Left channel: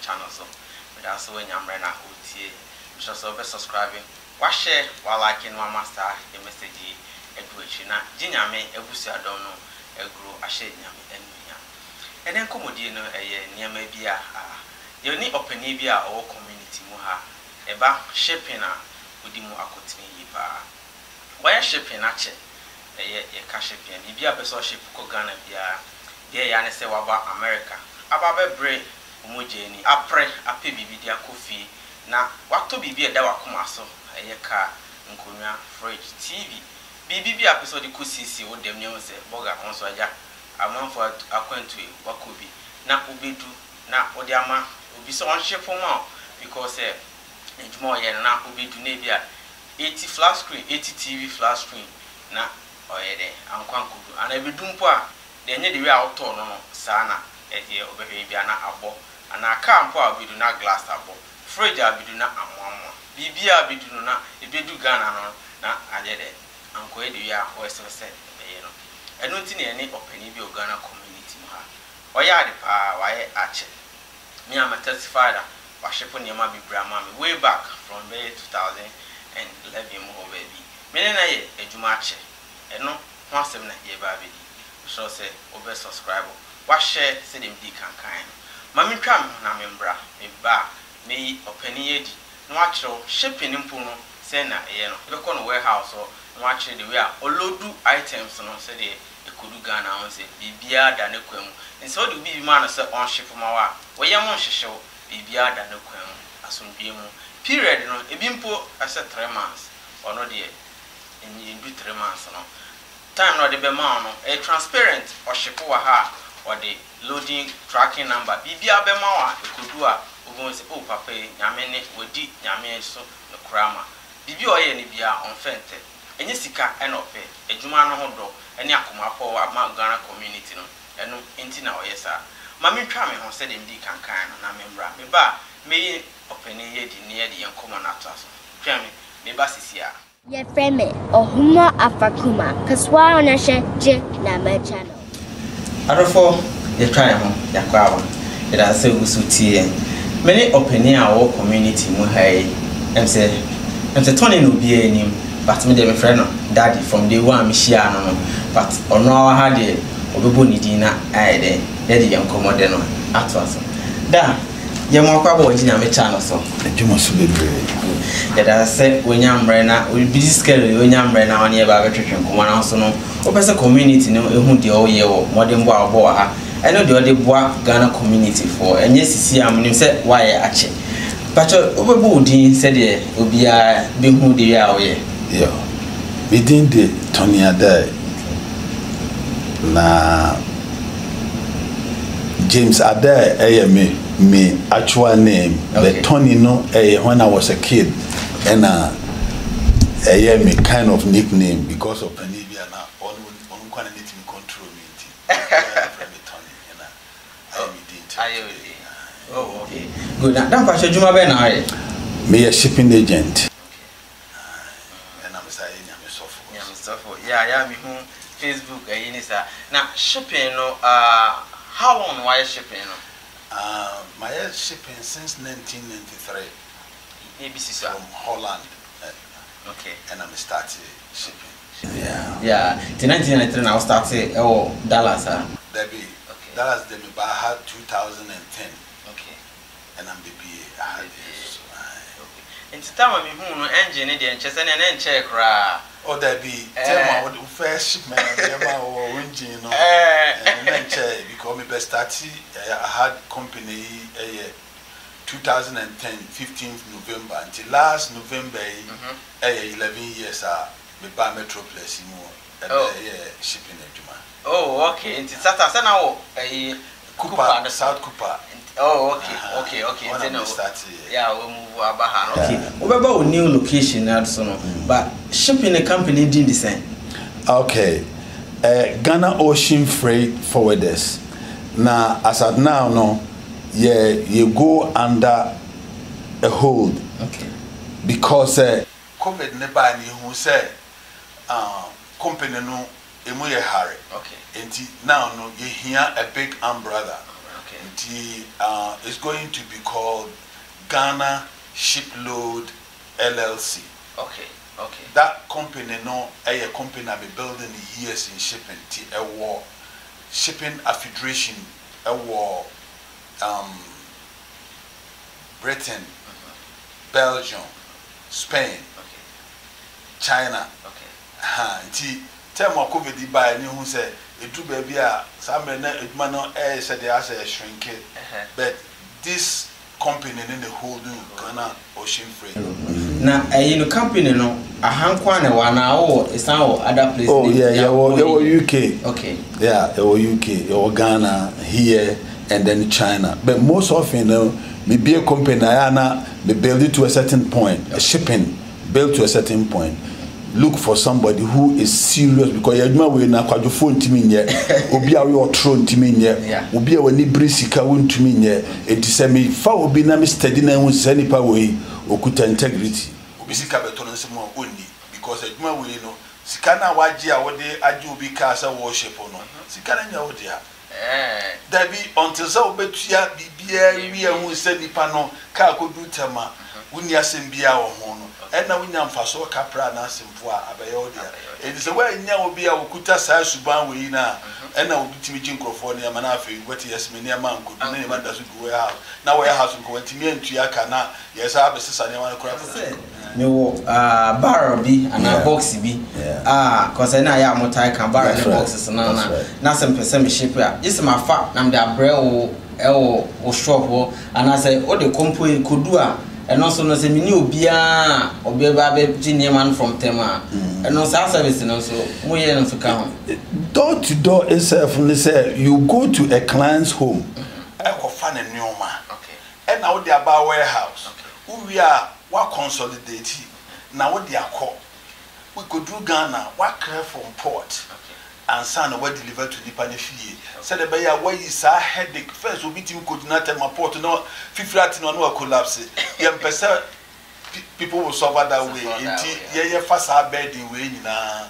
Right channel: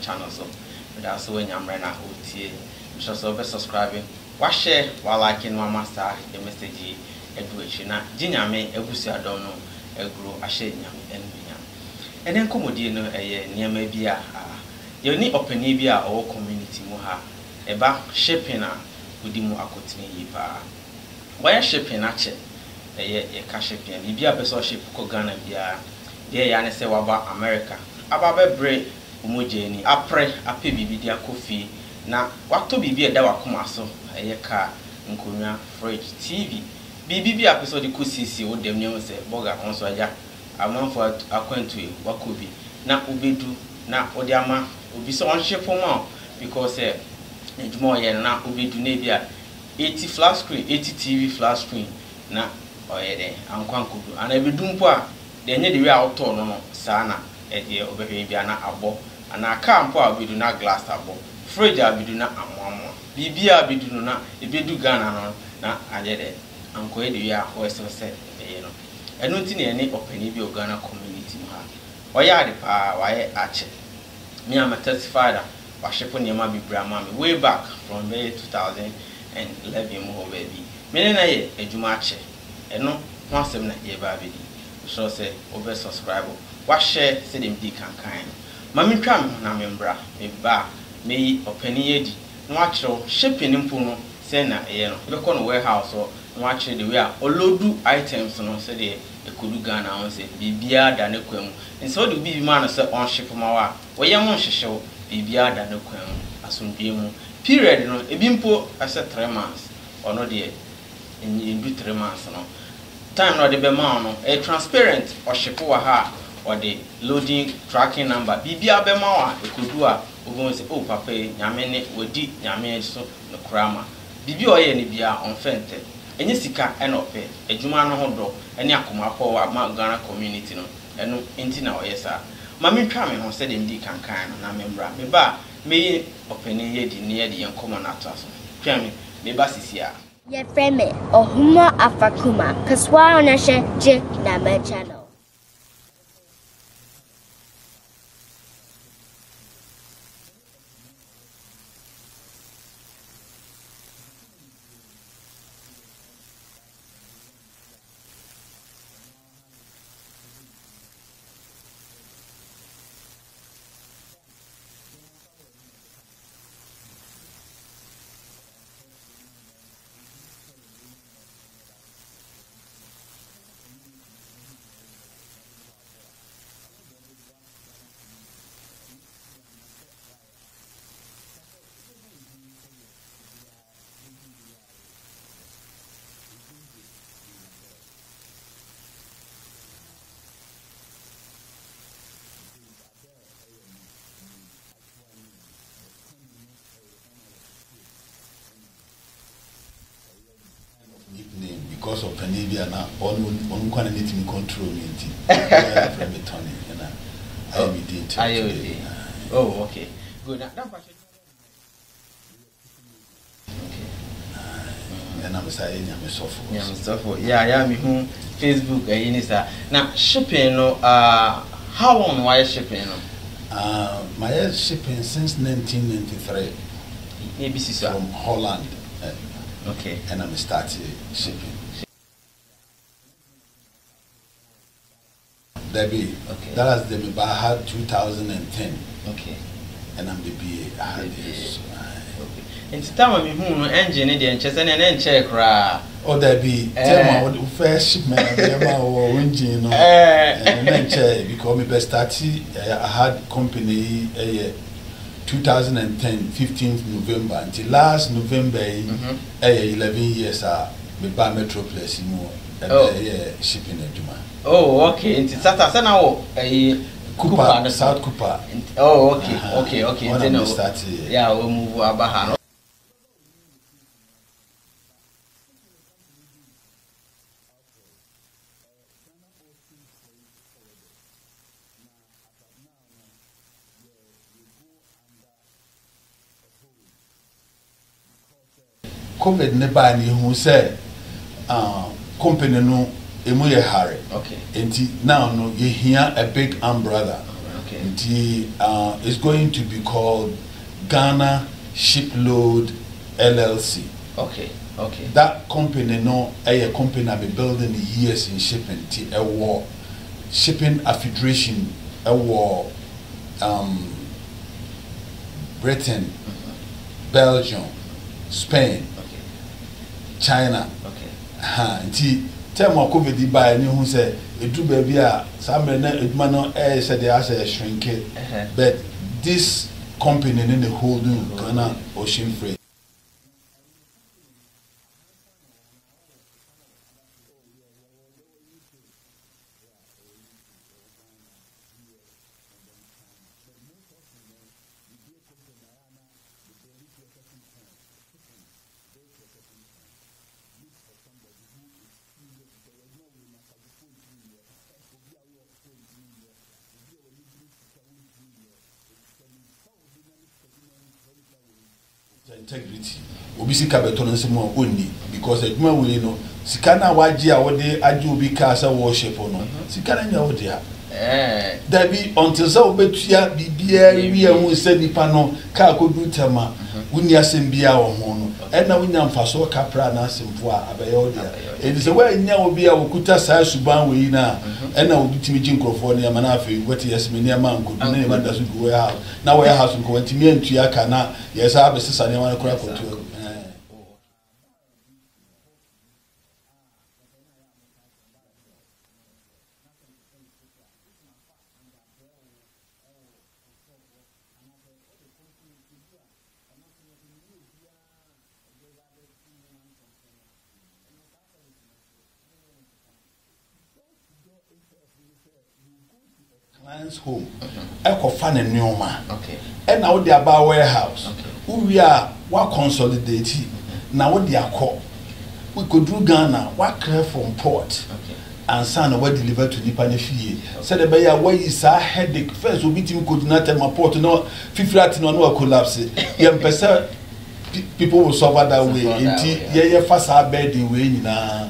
channel so we da so nyamre na otie so so be subscribe wa share wa like no master the message edu echi na ginyame ebusu adom no egro ahye nyame enunya enen komodie no eye niam bi a ye ni opani bi a o community mu ha eba shipping a odi mu akotini yi pa wa shipping a che eye ye ka shipping bi a person ship ko Ghana bia de ya ne se wa ba America aba bebre umojeni apre ape bibi dia kofi na wato bibi eda wakoma so eye ka nkonwa fridge TV bibi bi episode ko sisi wo dem ne se burger on so aja amanfo akwantu wakobi na obedu na odi ama obi so on ship mo because ejuma ye na obedu na bia 80 flat screen 80 TV flat screen na oyede ankwankudu ana ebedu mpo a de nye de we auto no sa na ede obehwe bia na abo ana aka mpo a obedu na glass abo fridge abedu na amwamwa bibi abedu no na ebedu Ghana no na ajede anko ede we a wesese eye no eno nti ne ne opani bi Ghana community ha oya de pa waye ache me am testified wa shepo ne ma bibra ma me way back from 2011 mo baby me na ye ejuma ache eno ho asem na ye ba bedi so say over subscribe wa share say dem di kankan ma me twa me na me mbra me ba me opani yedi no achiro shipping mpo no say na ye no be ko no warehouse so no achiro the way a olodu items no say de ekodu Ghana on say bibia da ne kwam nso de bibi ma no say on ship ma wa wo ye mo hwehwew bibia da ne kwam asomdue mu period no ebi mpo ase 3 months ono de in 3 months no time no de be ma no transparent o ship wa ha or the loading tracking number bibia be ma wa ekodu a obo say oh papa nyame ne wodi nyame so no krama bibi o ye ne bia on fente enye sika enope ejuma no hodo ene akoma po wa ma Ghana community no eno enti na oyesa ma me twa me ho se dem di kankan no na membra me ba me openi ye di ne ye di enkomo na atraso twa me ba sisia ye frame ohuma afakuma kaswa onashe je na me channel adofo ye twa ho yakwa wa ye da se usutie me ne openi a wo community mu hai emse Tony no be enim but me dey my friend no daddy from day one me share no but ono awa ha de obebo ni din na aide dey dey encommode no atwaso da ye mo kwa bo ginya me channel so ejuma so bebre ye da se onyamre na we busy schedule onyamre na one ye ba betwetwe nkoma na so no opese community no ehu de o ye wo modern bo abo ha eno de o de boa Ghana community for enye sisi am nim se why ache but obebo din se de obia behu de ya o ye yeah within the Tony Adae na James Adae me actual name okay. The Tony no when I was a kid and me kind of nickname because of Panibia na on kind of need to control me Tony and I did oh okay good now for Juma be na me a shipping agent. Yeah, me who Facebook now shipping no how long why shipping no my shipping since 1993 ABC from Holland okay and I'm started shipping yeah in 1993 I started Dallas Debbie okay Dallas Debbie but I had 2010 okay and I'm the BA I had this It's time me who no engine dey enchese na enche kra o da bi tell my first shipment na o engine no na enche because me best start I had company 2010 15th November until last November 11 years me ba Metropolis mu shipping aduma oh okay it's Saturday now Cooper, South Cooper. Oh, okay. Yeah, we'll move Abahan. Okay. What about new location? But shipping a company did the same. Okay. Ghana Ocean Freight Forwarders. Now, as at now, no, yeah, you go under a hold. Okay. Because COVID never knew who said, company no. Emuye Harry. Okay. And now no, you hear a big umbrella. Okay. It's going to be called Ghana Shipload LLC. Okay. Okay. That company, no, a company I've been building years in shipping. A war, shipping a federation, a war, Britain, Belgium, Spain, China. Okay. Tell my COVID by any who say it do baby some man said they are shrink it. But this company in the whole Ghana ocean freight. Now in the company no a hankwane wana or is now other places. Oh yeah, they were UK. Okay. Yeah, they were UK, they were Ghana, here and then China. But most often maybe a company they build it to a certain point, a shipping built to a certain point. Look for somebody who is serious because you know we na kwadwo phone timi nye obi a we otro ntimi nye obi a wani brisika won timi nye enti se me fa obi na me steady na hu se nipa we okuta integrity obi sika beto no nsemo onni because adwuma we no sika na waje a wode aje obi ka sa worship no sika na nya wode a Dabi until so betua bibia wi hu se nipa no ka kodu tema wuni asembia wo ho no na wunya mfaso kapra na asempo a abaye odia edi se wa nya obi a wokuta saa suban we na na obitimi ji nkrofo ne ma na afi wati yesme ne ma nkodu na ma da so go ya na wo ya house nko wantimi antua ka na yesa abesesa ne ma kora kora ne wo barrel bi ana box bi cause na ya motai kan barrel ne boxes na some person me ship a just ma fa na me da bre wo shop wo ana say o de compo kodu a and also no say mini obia ba be man from tema and no service no so mo ye no fika door to door itself and say you go to a client's home e ko fa na nyoma okay and now they about warehouse who we are what consolidate now what they are call we could do Ghana what care from port and son what deliver to the panefie said the ya why is a headache first we meet him could not tell my port no fiflat no collapse yam person people will suffer that way yeah fast bed the way na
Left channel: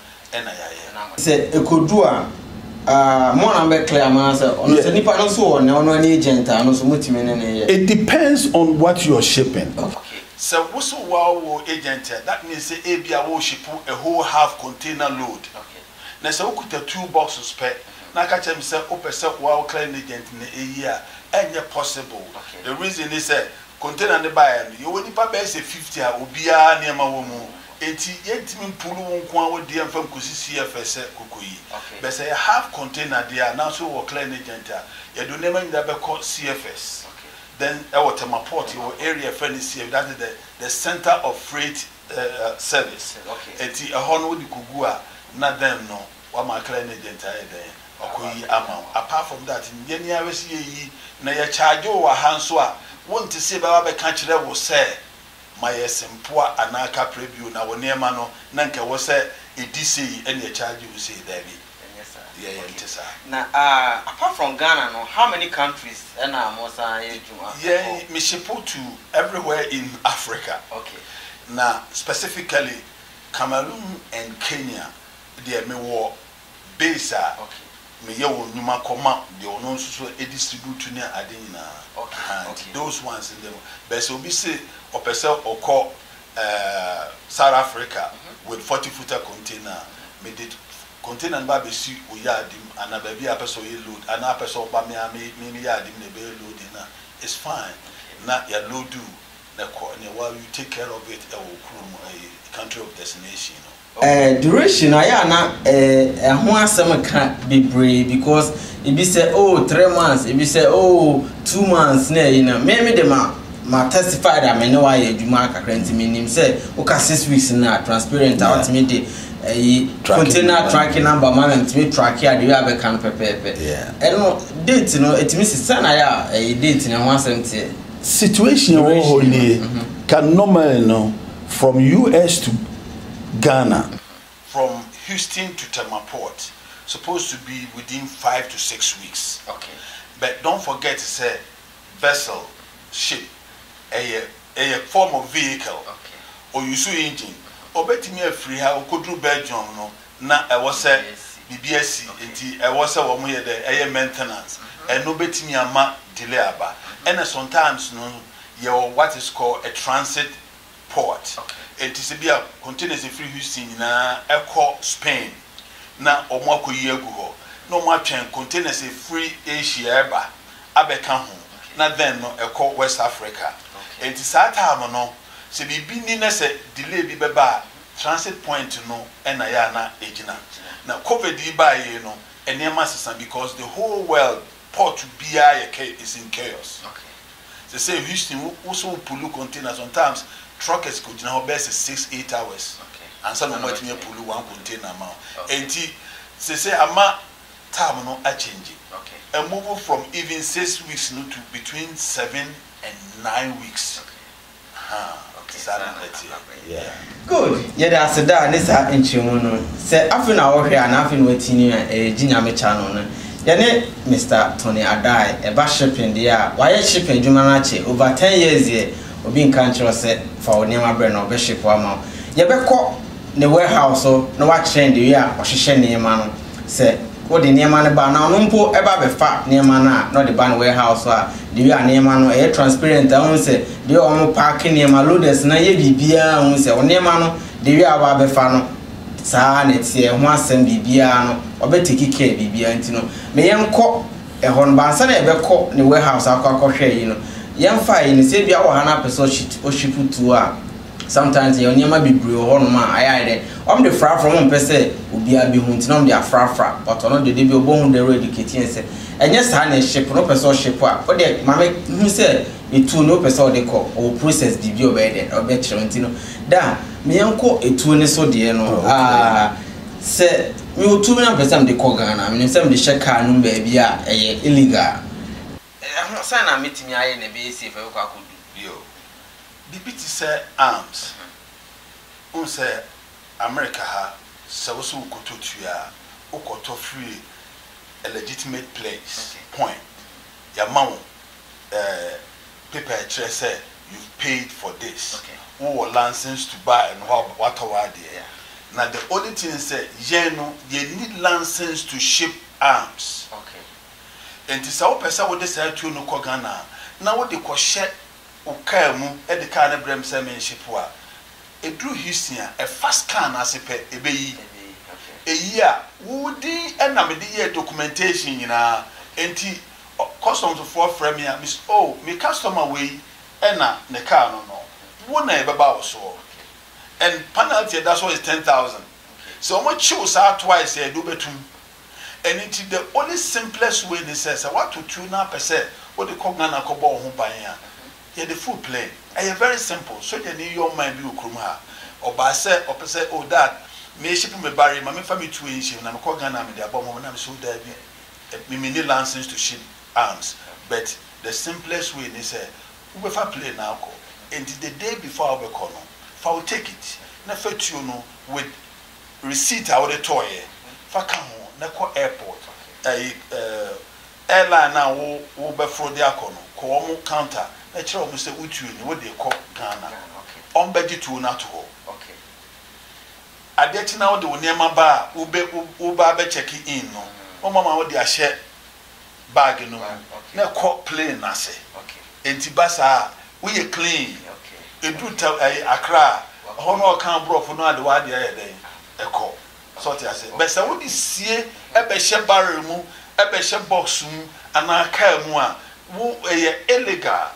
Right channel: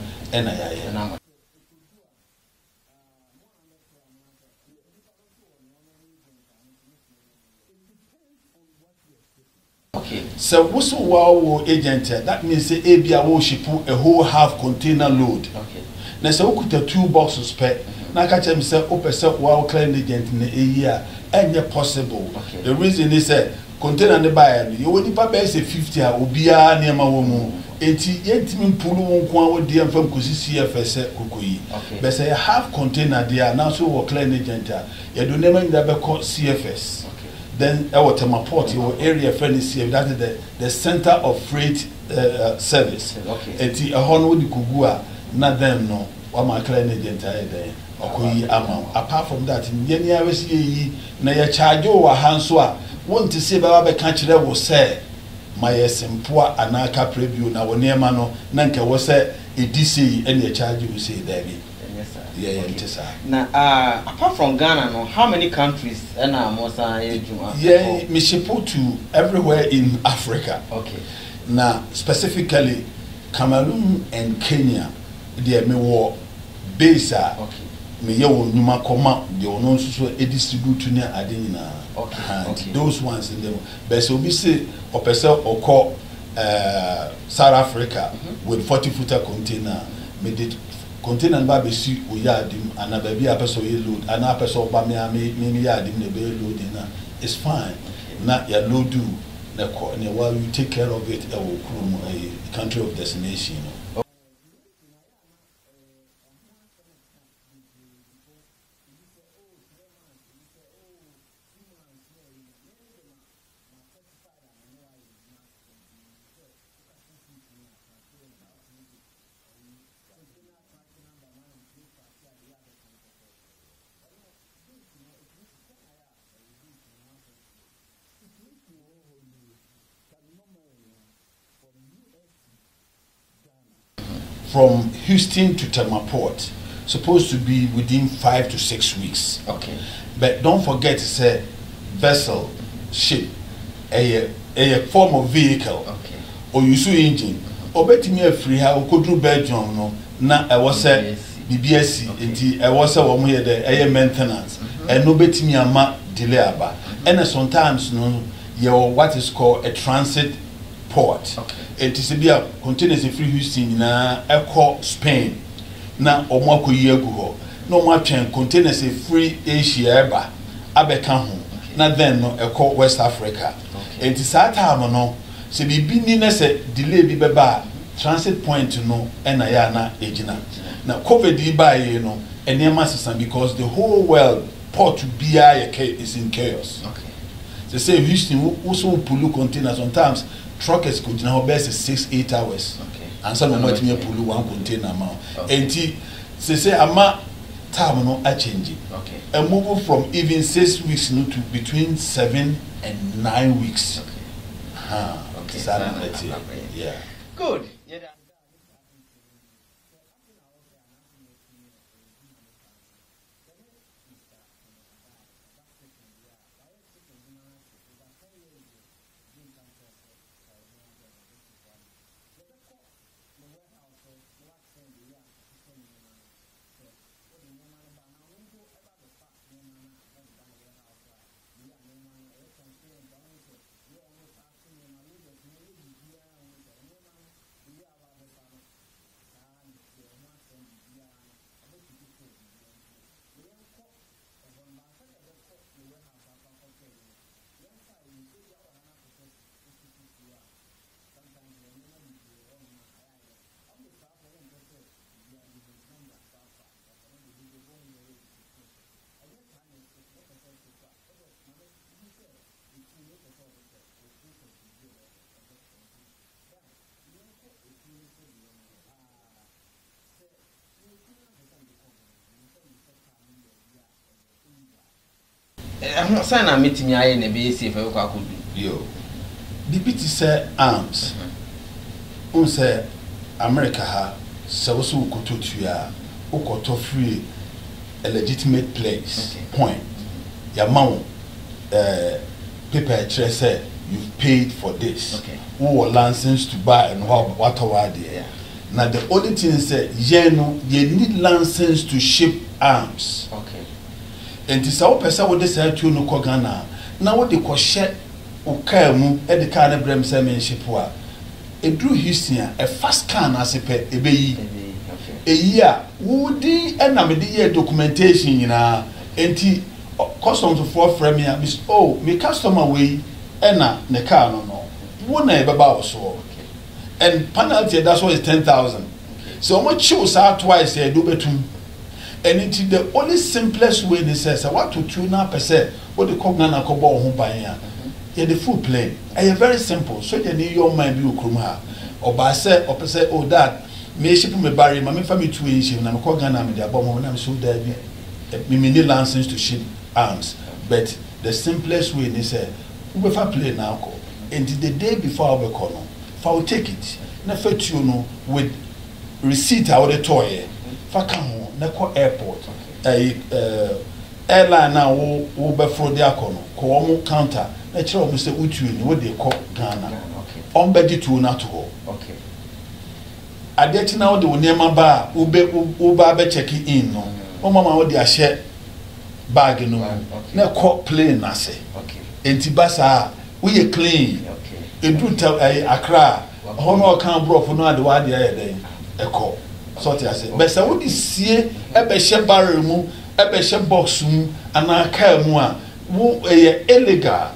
say e could do more na be clear man say ono say nipa no so on ono any agent no so mutimi ne it depends on what you are shipping. Okay, so what's wow agent that means say e bia wo ship a whole half container load. Okay. Na se okuta 2 boxes per na ka chem say opese wow client agent na year enye possible. Okay. The reason is say container ne buy you woni pa be say 50 a obia na ma wo mu enti yentimi pulu won kwa wo de amfam kosi CFS kokoyi be say half container there now so wo client agent ya do nema nda be call CFS. Then our port your area friendly CFS that is the center of freight service. Okay. Enti a hono di kugua na them no wa ma client agent aye there okoyi ama apart from that nyeni awesi yi na ya charge wa hanso a won ti se ba be ka kire wo say my sempoa anaka preview na woni ema no na nke wo say edisi ene ya charge you say there be yes sir yeah na apart from Ghana no how many countries na mo san ejuma me ship to everywhere in Africa. Okay. Now specifically Cameroon and Kenya there me wo base okay me ye wo nyuma koma de ono nso e distribute na ade nyina okay those ones in them but so be say opesa okọ South Africa with 40-footer container me did container ba be si o yadim ana ba bi apeso ye load ana apeso ba me yadim na be load na it's fine na ya load do na while you take care of it a country of destination. Duration aya na ho asem ka bebre because e be say 3 months e be say 2 months na you know me de ma testify that me no why adwuma kakra ntimi nim say o ka 6 weeks na transparent out me de container tracking number man ntimi track ya de we abe kan pepepe no date no etimi sisa na ya date na ho asem tie situation only can normally no from US to Ghana, from Houston to Tamaport, supposed to be within 5 to 6 weeks. Okay. But don't forget to say vessel, ship, a form of vehicle, okay, or you see engine. Or bet me a free how could do Belgium no na I was say BBSC enti e was a wo here the maintenance and no betimi ama delay aba and sometimes no you what is called a transit port. It is a containers free Houston na echo Spain na omo akoyi agu ho no mo atwen containers free Asia eba abeka ho na then no echo West Africa. It is that time no se bibi ni na se delay bi beba transit point no na ya na ejina na COVID ba ye no enema sesan because the whole world port to be is in chaos. They say Houston also pull containers sometimes truckers could now best 6-8 hours. And some of them pull one container amount. And they say ama time no a change. And move from even 6 weeks no to between 7 and 9 weeks. Yeah. Good. Yeah, that's a da. This are in Chimono. Say after now here and after waiting Jinyame channel. Yane Mr. Tony Adai, a bus shipping there. Why shipping Jumanachi over 10 years here? Or being country set for Nema Brand or Bishop Wama. Yabeko, the warehouse, no what train the year or she near man. Say, what the Neman ban now, no ever be fat near mana, not the ban warehouse, the year near man or air transparent. I won't say, the old parking near my loaders, na ye be beer, say, or near man, the year of Abefano. Sa net here once and bibia no obetiki care bibia ntino me yenko e hon bansa na ebeko ne warehouse akwa hwe yi no yemfa yi ne se bia wo hana person ship to a sometimes ye onyema bibre ho no ma ayai de the fra from pese obia bi hu ntino de afra but ono de bi obo de educating se enye sa na ship no person ship a o de mame hu se etu no person de ko o process bibia obede obetire ntino da me yanko etu ne so de no se me otu me na person de ko Ghana me say me de check car no ba bia illegal say na metimi aye na be safe e ko akodu yo bibiti say arms on say America ha se wo so kototu a ukoto free a legitimate place point ya mawo paper trace say you've paid for this who were license to buy and what there. Now the only thing is that you need license to ship arms. And this our person would decide to no Ghana. Now what they call share okamu at the kind of brem ship wa. A drew Houston a fast can as a pet a year would the end of the year documentation in a anti customs for frame miss oh me customer way ena ne car no wona e baba so and penalty that's why is 10,000 so much choose out twice e do betum and it the only simplest way they say what to 2% what the Ghana ko bo ho ban ya e the full play e very simple so they need your mind be okrum ha oba say opese oh that me ship me barry ma me fa me tu enshi na me ko Ghana me dey abom mo na me so da bi me need license to ship arms but the simplest way they say we will play now and the day before we call no fa will take it na fet you know with receipt out the toy fa ka ho na ko airport airline na wo be fro dia ko no ko mo counter na kire o say utu ni wo dey call Ghana on be di to na to adeti na wo de onema ba wo ba be check in no o mama wo dey a share bag no na ko plane na say enti basa we clean edu tell Accra hono kan bro for no ade wa de aye eko so ti ase be se wo di sie e be hye barrel mu e be hye box mu ana car mu a wo illegal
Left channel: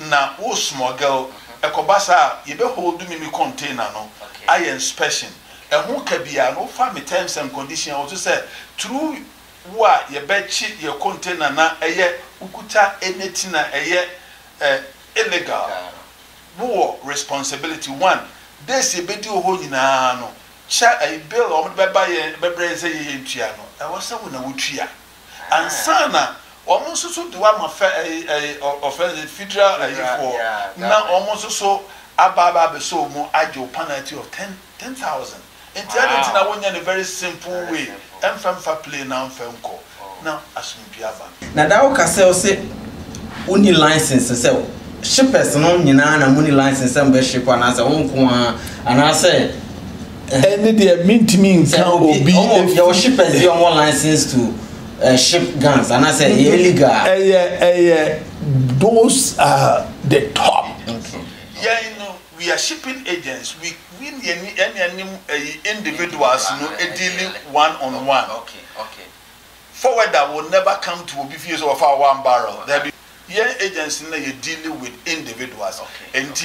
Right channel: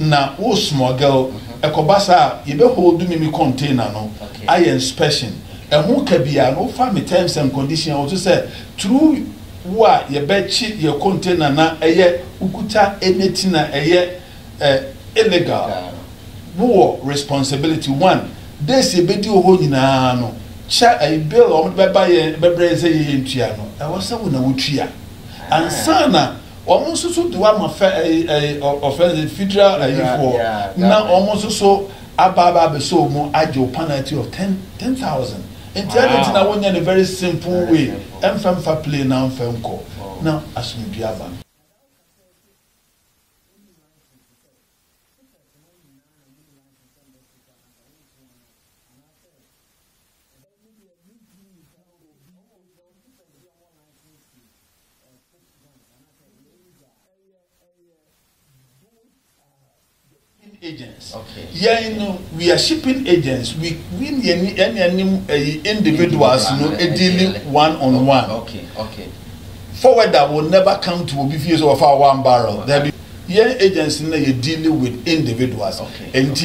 na wo smuggle eko basa ye be hold me container no aye inspection e ho ka bia no fa me terms and conditions wo to say true wa ye be chi ye container na eye ukuta anything na eye illegal wo responsibility one this e be di ho nyina no cha a bill o be ba ye be breze ye ntua no e wo se wo na wotua ansana o mo so do wa ma offense federal for na o mo so ababa be so mo ajo penalty of 10,000 internet na wonya a very simple way emfa play na mfenko na asumbiaba na da wo ka say uni license say shippers no nyina na money license am be ship ana say won ko ana say any the mintimi can be your shippers be on one license to ship guns, and I say illegal. Those are the top. Yeah, you know, we are shipping agents. We any individuals, you know, dealing one-on-one. Okay. Forwarder will never come to Obifius of our one barrel. There be agents in there dealing with individuals. And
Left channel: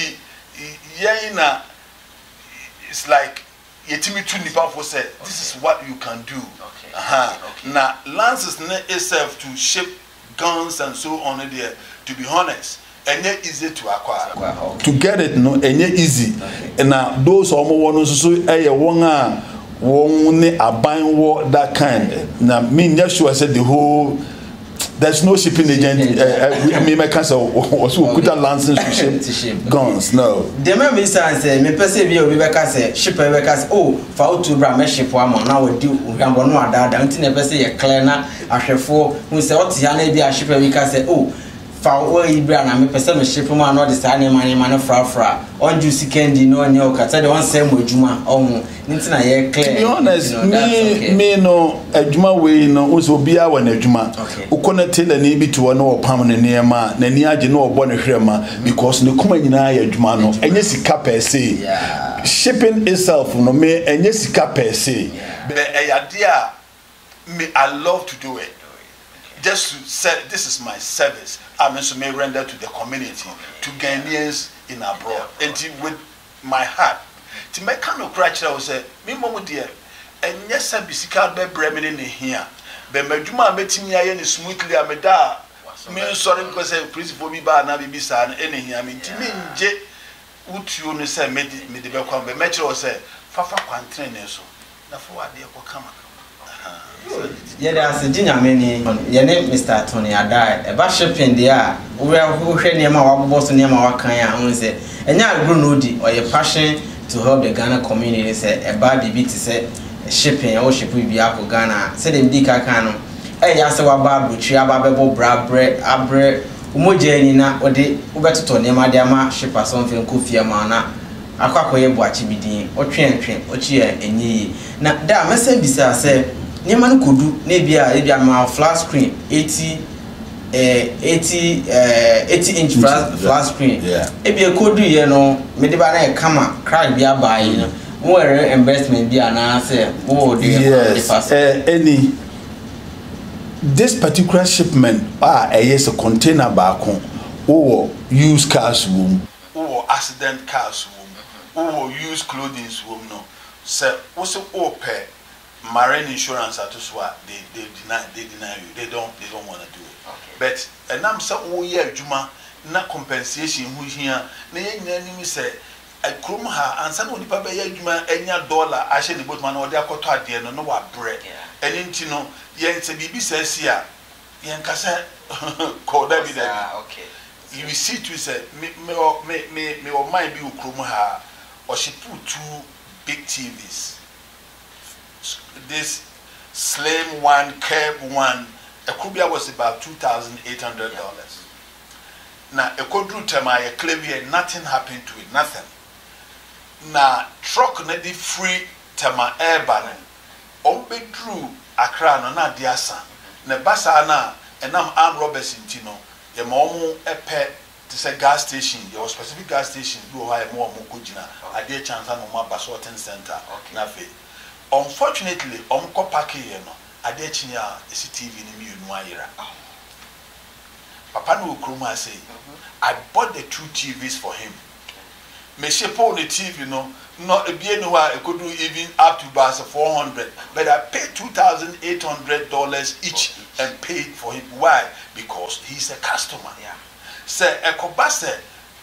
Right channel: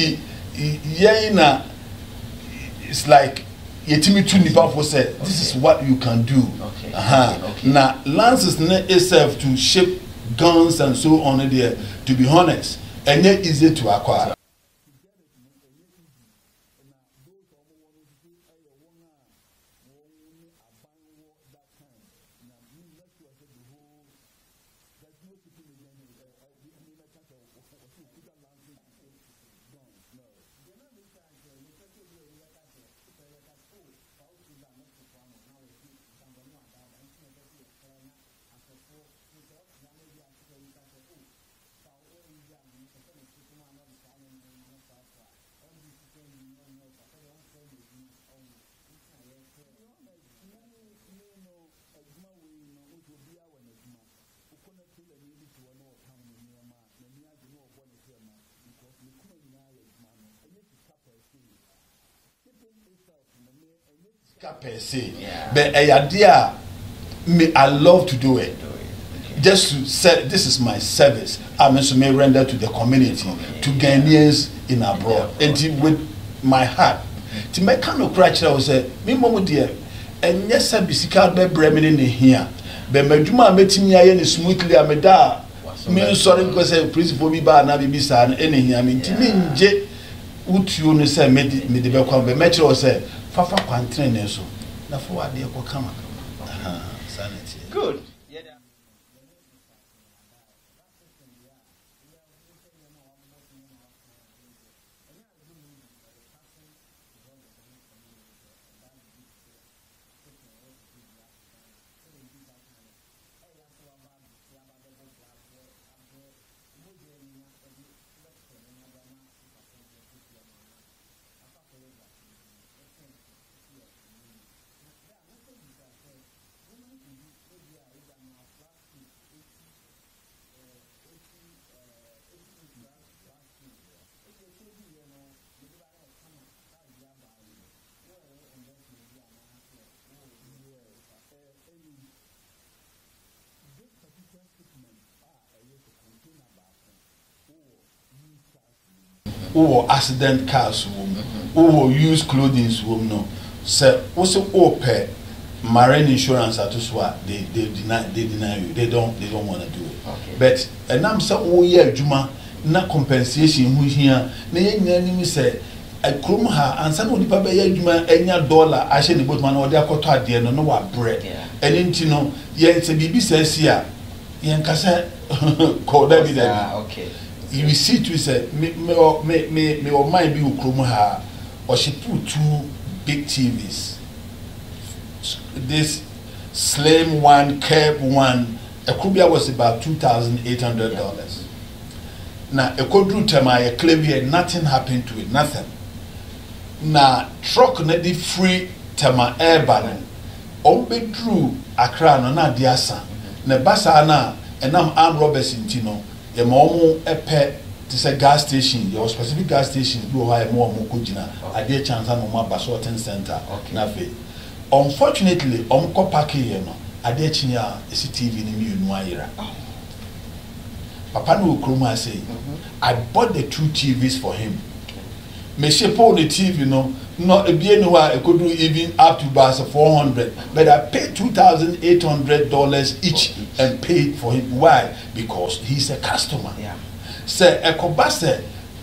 it's like Yetimi Tunipa said, this is what you can do. Now, Lance's itself to ship guns and so on there, to be honest, and yet easy to acquire. To get it, no, and yet easy. And now those are more ones so won't a buying war that kind. Now, me, Yeshua said the whole. There's no shipping agent. I mean, my cousin also could have license to ship guns. No. The member says, "Me perceive you. We say shipper. We say oh, for to bring me ship one now we do. We can go no other. Don't you never say a clear na a shefo. We say what you need be a shipper. We can say oh." For we brand and me person me ship man no this any man fra on juicy candy no nyo ka say the one same adwuma ohun nti na ye clear. To be honest, me no adwuma we no so bia wa na adwuma ukonete na ni bi to no opam ne niema na ni age no obo ne hwema because ne kuma nyina ya adwuma no enye sika per se. Shipping itself no me enye sika per se. But idea me I love to do it. Just to say this is my service. I'm also may render to the community, to Ghanaians in abroad, and with my heart. To make kind of crutch, I will say, me momo dear, and yes, I be sick out by Bremen in here. But my Juma met me any smoothly, I made that. Me sorry because I principle be bad, and I be sad, any here. I mean, to me, J. Would you say, me the Belcom, but Metro said, Fafa Quantrain, so. Now for what they will come. Yeah, there's a dinner many. Your name Mr. Tony Adai. A shipping there. We are who near my boss near my Wakaya and say, and now grown or your passion to help the Ghana community say a bad baby to say shipping or ship will be up for Ghana. Said in Dika Cano. Hey, I saw a babu, Chiababo, bread, abre, Umojanina, or the Ubeto Tony Madiama, ship or something, Kufia Mana. Aquacoy Boachibidi, or train, or cheer, and ye. Now, that message beside say. Niman could do maybe a flat screen 80 inch flat screen. Maybe a could do you know maybe a camera cry be a buy you know where investment be an answer. Oh yes, any this particular shipment yes a container back home or used cars room or accident cars room or used clothing room no so also open marine insurance at Uswa, they deny you. They don't want to do it. But and I'm so oh yeah, Juma, na compensation who here. Na say I come her and some only papa yeah Juma $1 I share the boatman or they are caught at the end no what bread. And then you know, yeah, it's a BB says here. Yan kasa call that be that. Okay. You see to say me or might be who come her or she put 2 big TVs. This slim one, curb one, a kubia was about $2,800. Now, a quadru tema, a clevier, nothing happened to it, nothing. Now, truck net the free tema air balloon. Ombe drew a crown on a diasa. Ne basana, and now armed robbers in Tino, the momo a pet. It's a gas station, your specific gas station, you have more Mukujina, a dear chance on my Basorten Center. Nafe. Unfortunately, Omko Paki, a dear chinia, a TV in the Muira. Papa no Kruma say, I bought the 2 TVs for him. Me shape on the TV, not a bien I could do even up to bus 400, but I paid $2,800 each and paid for him. Why? Because he's a customer. Yeah. Say a cobase,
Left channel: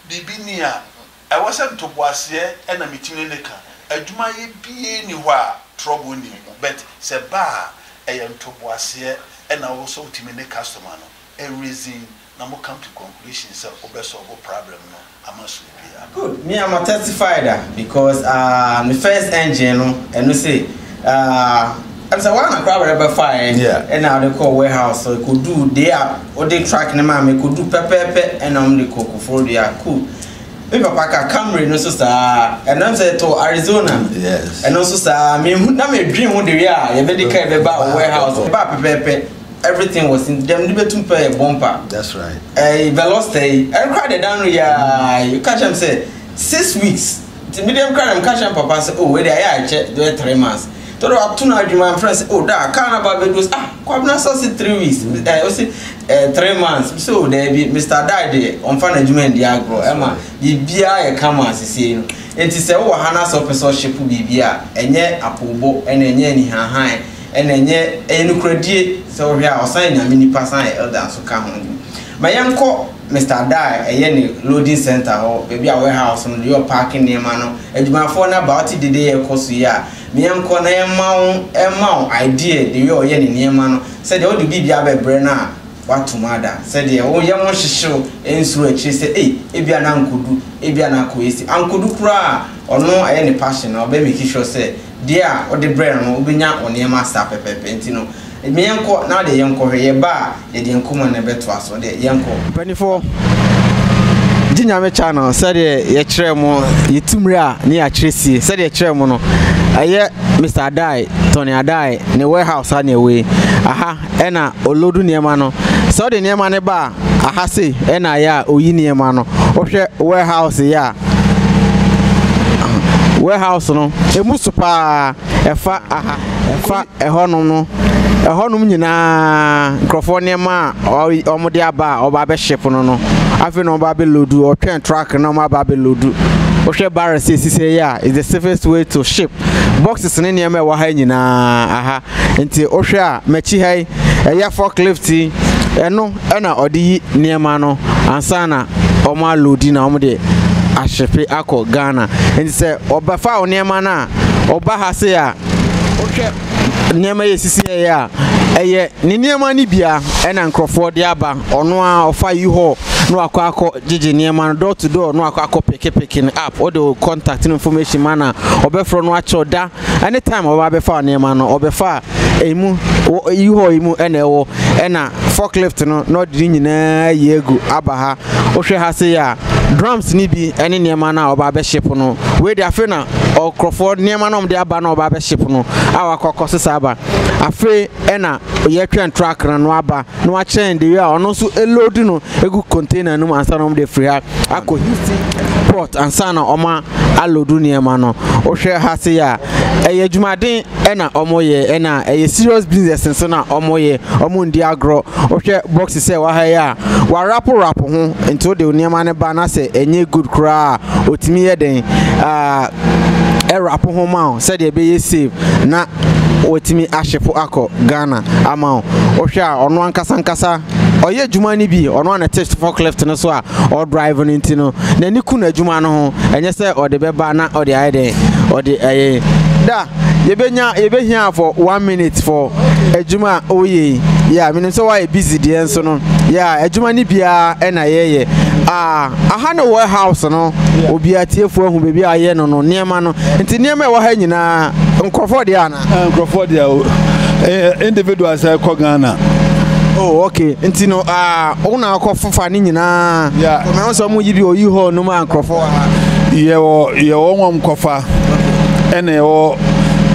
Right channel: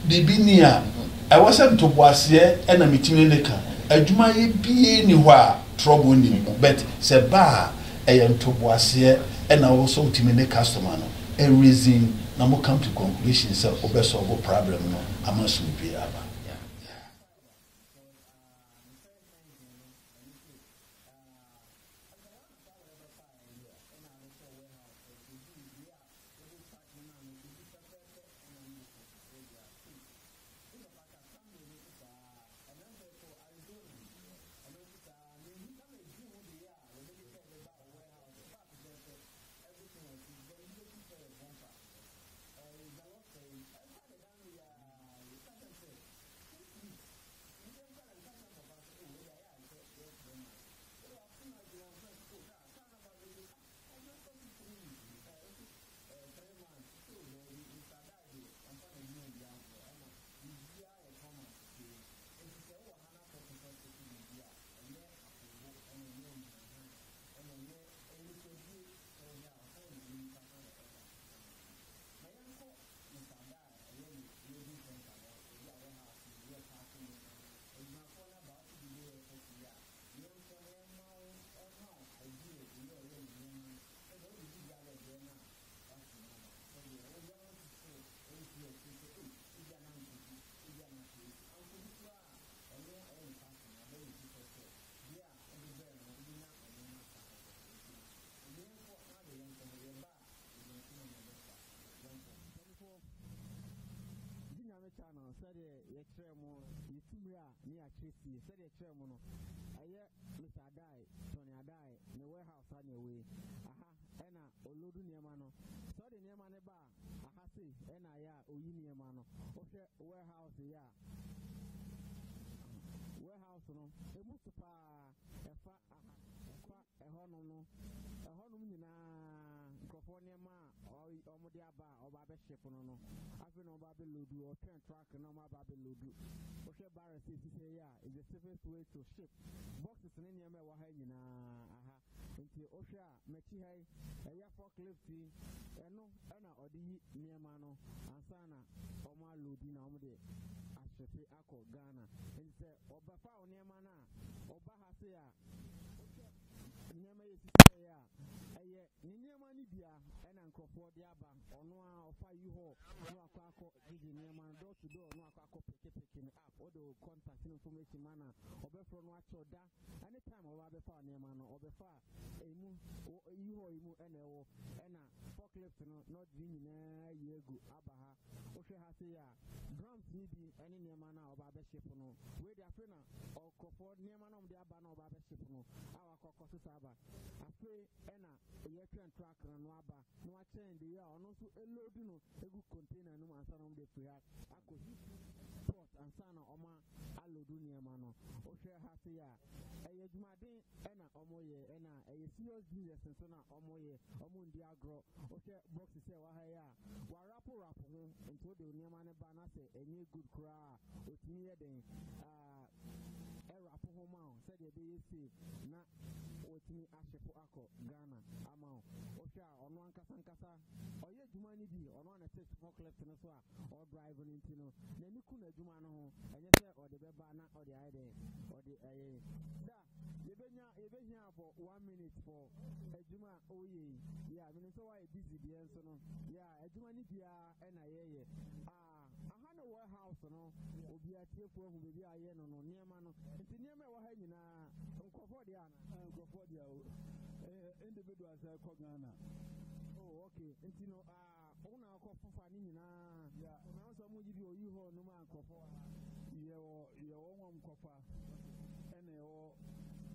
the binia. I wasn't to was here and a meeting in the car. A Juma be anywhere trouble him, but say bar a young to was here and I also timid customer. A reason now come to conclusion so solve problem no I must be good. Me I'm a testifier because my first engine and we say I'm saying one crowd ever fire and now they call warehouse so it could do there or they track the man could do pepper and the cocoa for the cool. me papa ka Camry no so sa and I'm say to Arizona yes and also sa me na me dream wo de wi a ye be de kai be ba warehouse ba pepepe everything was in them betum pay bumper that's right velocity I cried it down ya you catch him say 6 weeks the medium cry am catch him papa say oh we dey I check do 3 months to do atuna adwuma friends oh da can about be do kwabna so 3 weeks I say 3 months so there be Mr. Dade on fan adwuma ndi agro ema bibia ye kama asese no enti se wo hana so person ship bibia enye apobo enye ni hahan enye enukradie so hia osan nyame ni pasan elder so ka ho mayenko Mr. Dai ne loading center ho bibia warehouse no your parking near no adwumafo na about the day ekoso ya mayenko na emawo idea the yo ye ne niema no said all the bibia bebre na watumada said ye wo ye mo hyehyew ensuru akiri say ebia na nkodu ebia na koesi ankodu kura ono ne passion na obe make sure say dia o de brain no obenya oniema star pepepe ntino meyenko na de yenko hwe ba ye de yenko na beto aso de yenko panifo Jinyame channel said ye kire mo yetumre a ne ya kiresi said ye kire mo no aye Mr. Adai Tony Adai ne warehouse ha ne we aha ena olodu niema no so de niema ne ba aha se ena ya oyi niema no ohwe warehouse ya warehouse no emusu pa efa aha efa ehonum no ehonum nyina nkrofo niema omode aba oba be ship no afi no oba be loadu o twen truck no oba be loadu ohwe barrel say ya is the safest way to ship boxes ne niema wa ha nyina aha nti ohwe a machi hai eya forklift eno na odi niema no ansana oma loadi na omode ashepe akọ Ghana nti se obafa oniema na oba ha se ya ohwe niema yesisi ya eye ni niema ni bia ena nkrofo de aba ono a ofa yi ho no akọ gigi niema no door to door no akọ picking up or the contact information mana obefro no acho da anytime oba befa niema no obefa emu yi ho emu ena ewo ena forklift no di nyina yegu aba ha ohwe ha se ya drums ni bi ene niema na oba be ship no we dey afi na okrofo niema no de aba na oba be ship no awa kokko sesa aba afi ena ye twen truck no aba no a chen de ya ono so load no egu container no ansa no de free ha akọ Houston port ansa na oma alodu niema no ohwe ha se ya eye jumaden ena omoye ena eye serious business nso na omoye omundi agro ohwe box se wa ha ya wa rap ho into de niema ne ba na se enye good cra otimi ye den rap ho ma se de be ye save na otimi ahyepo akọ Ghana ama ohwe a ono ankasa oye juma ni bi ono na test forklift no so a o drive no ntino na ni ku na juma no ho enye se o de be ba na o de aide o de da yebehia for 1 minute for ejuma oye yeah meaning so why busy dey so no yeah ejuma ni bia na yeye aha no warehouse no obi atiefo ahu bebi aye no niema no nti niema e wa ha nyina nkrofo de ana nkrofo de individuals ko Ghana. Oh okay nti no una akọfofa ni nyina me won so mu yibi oyi ho no ma nkrofo ye wo nwom kofa ene yo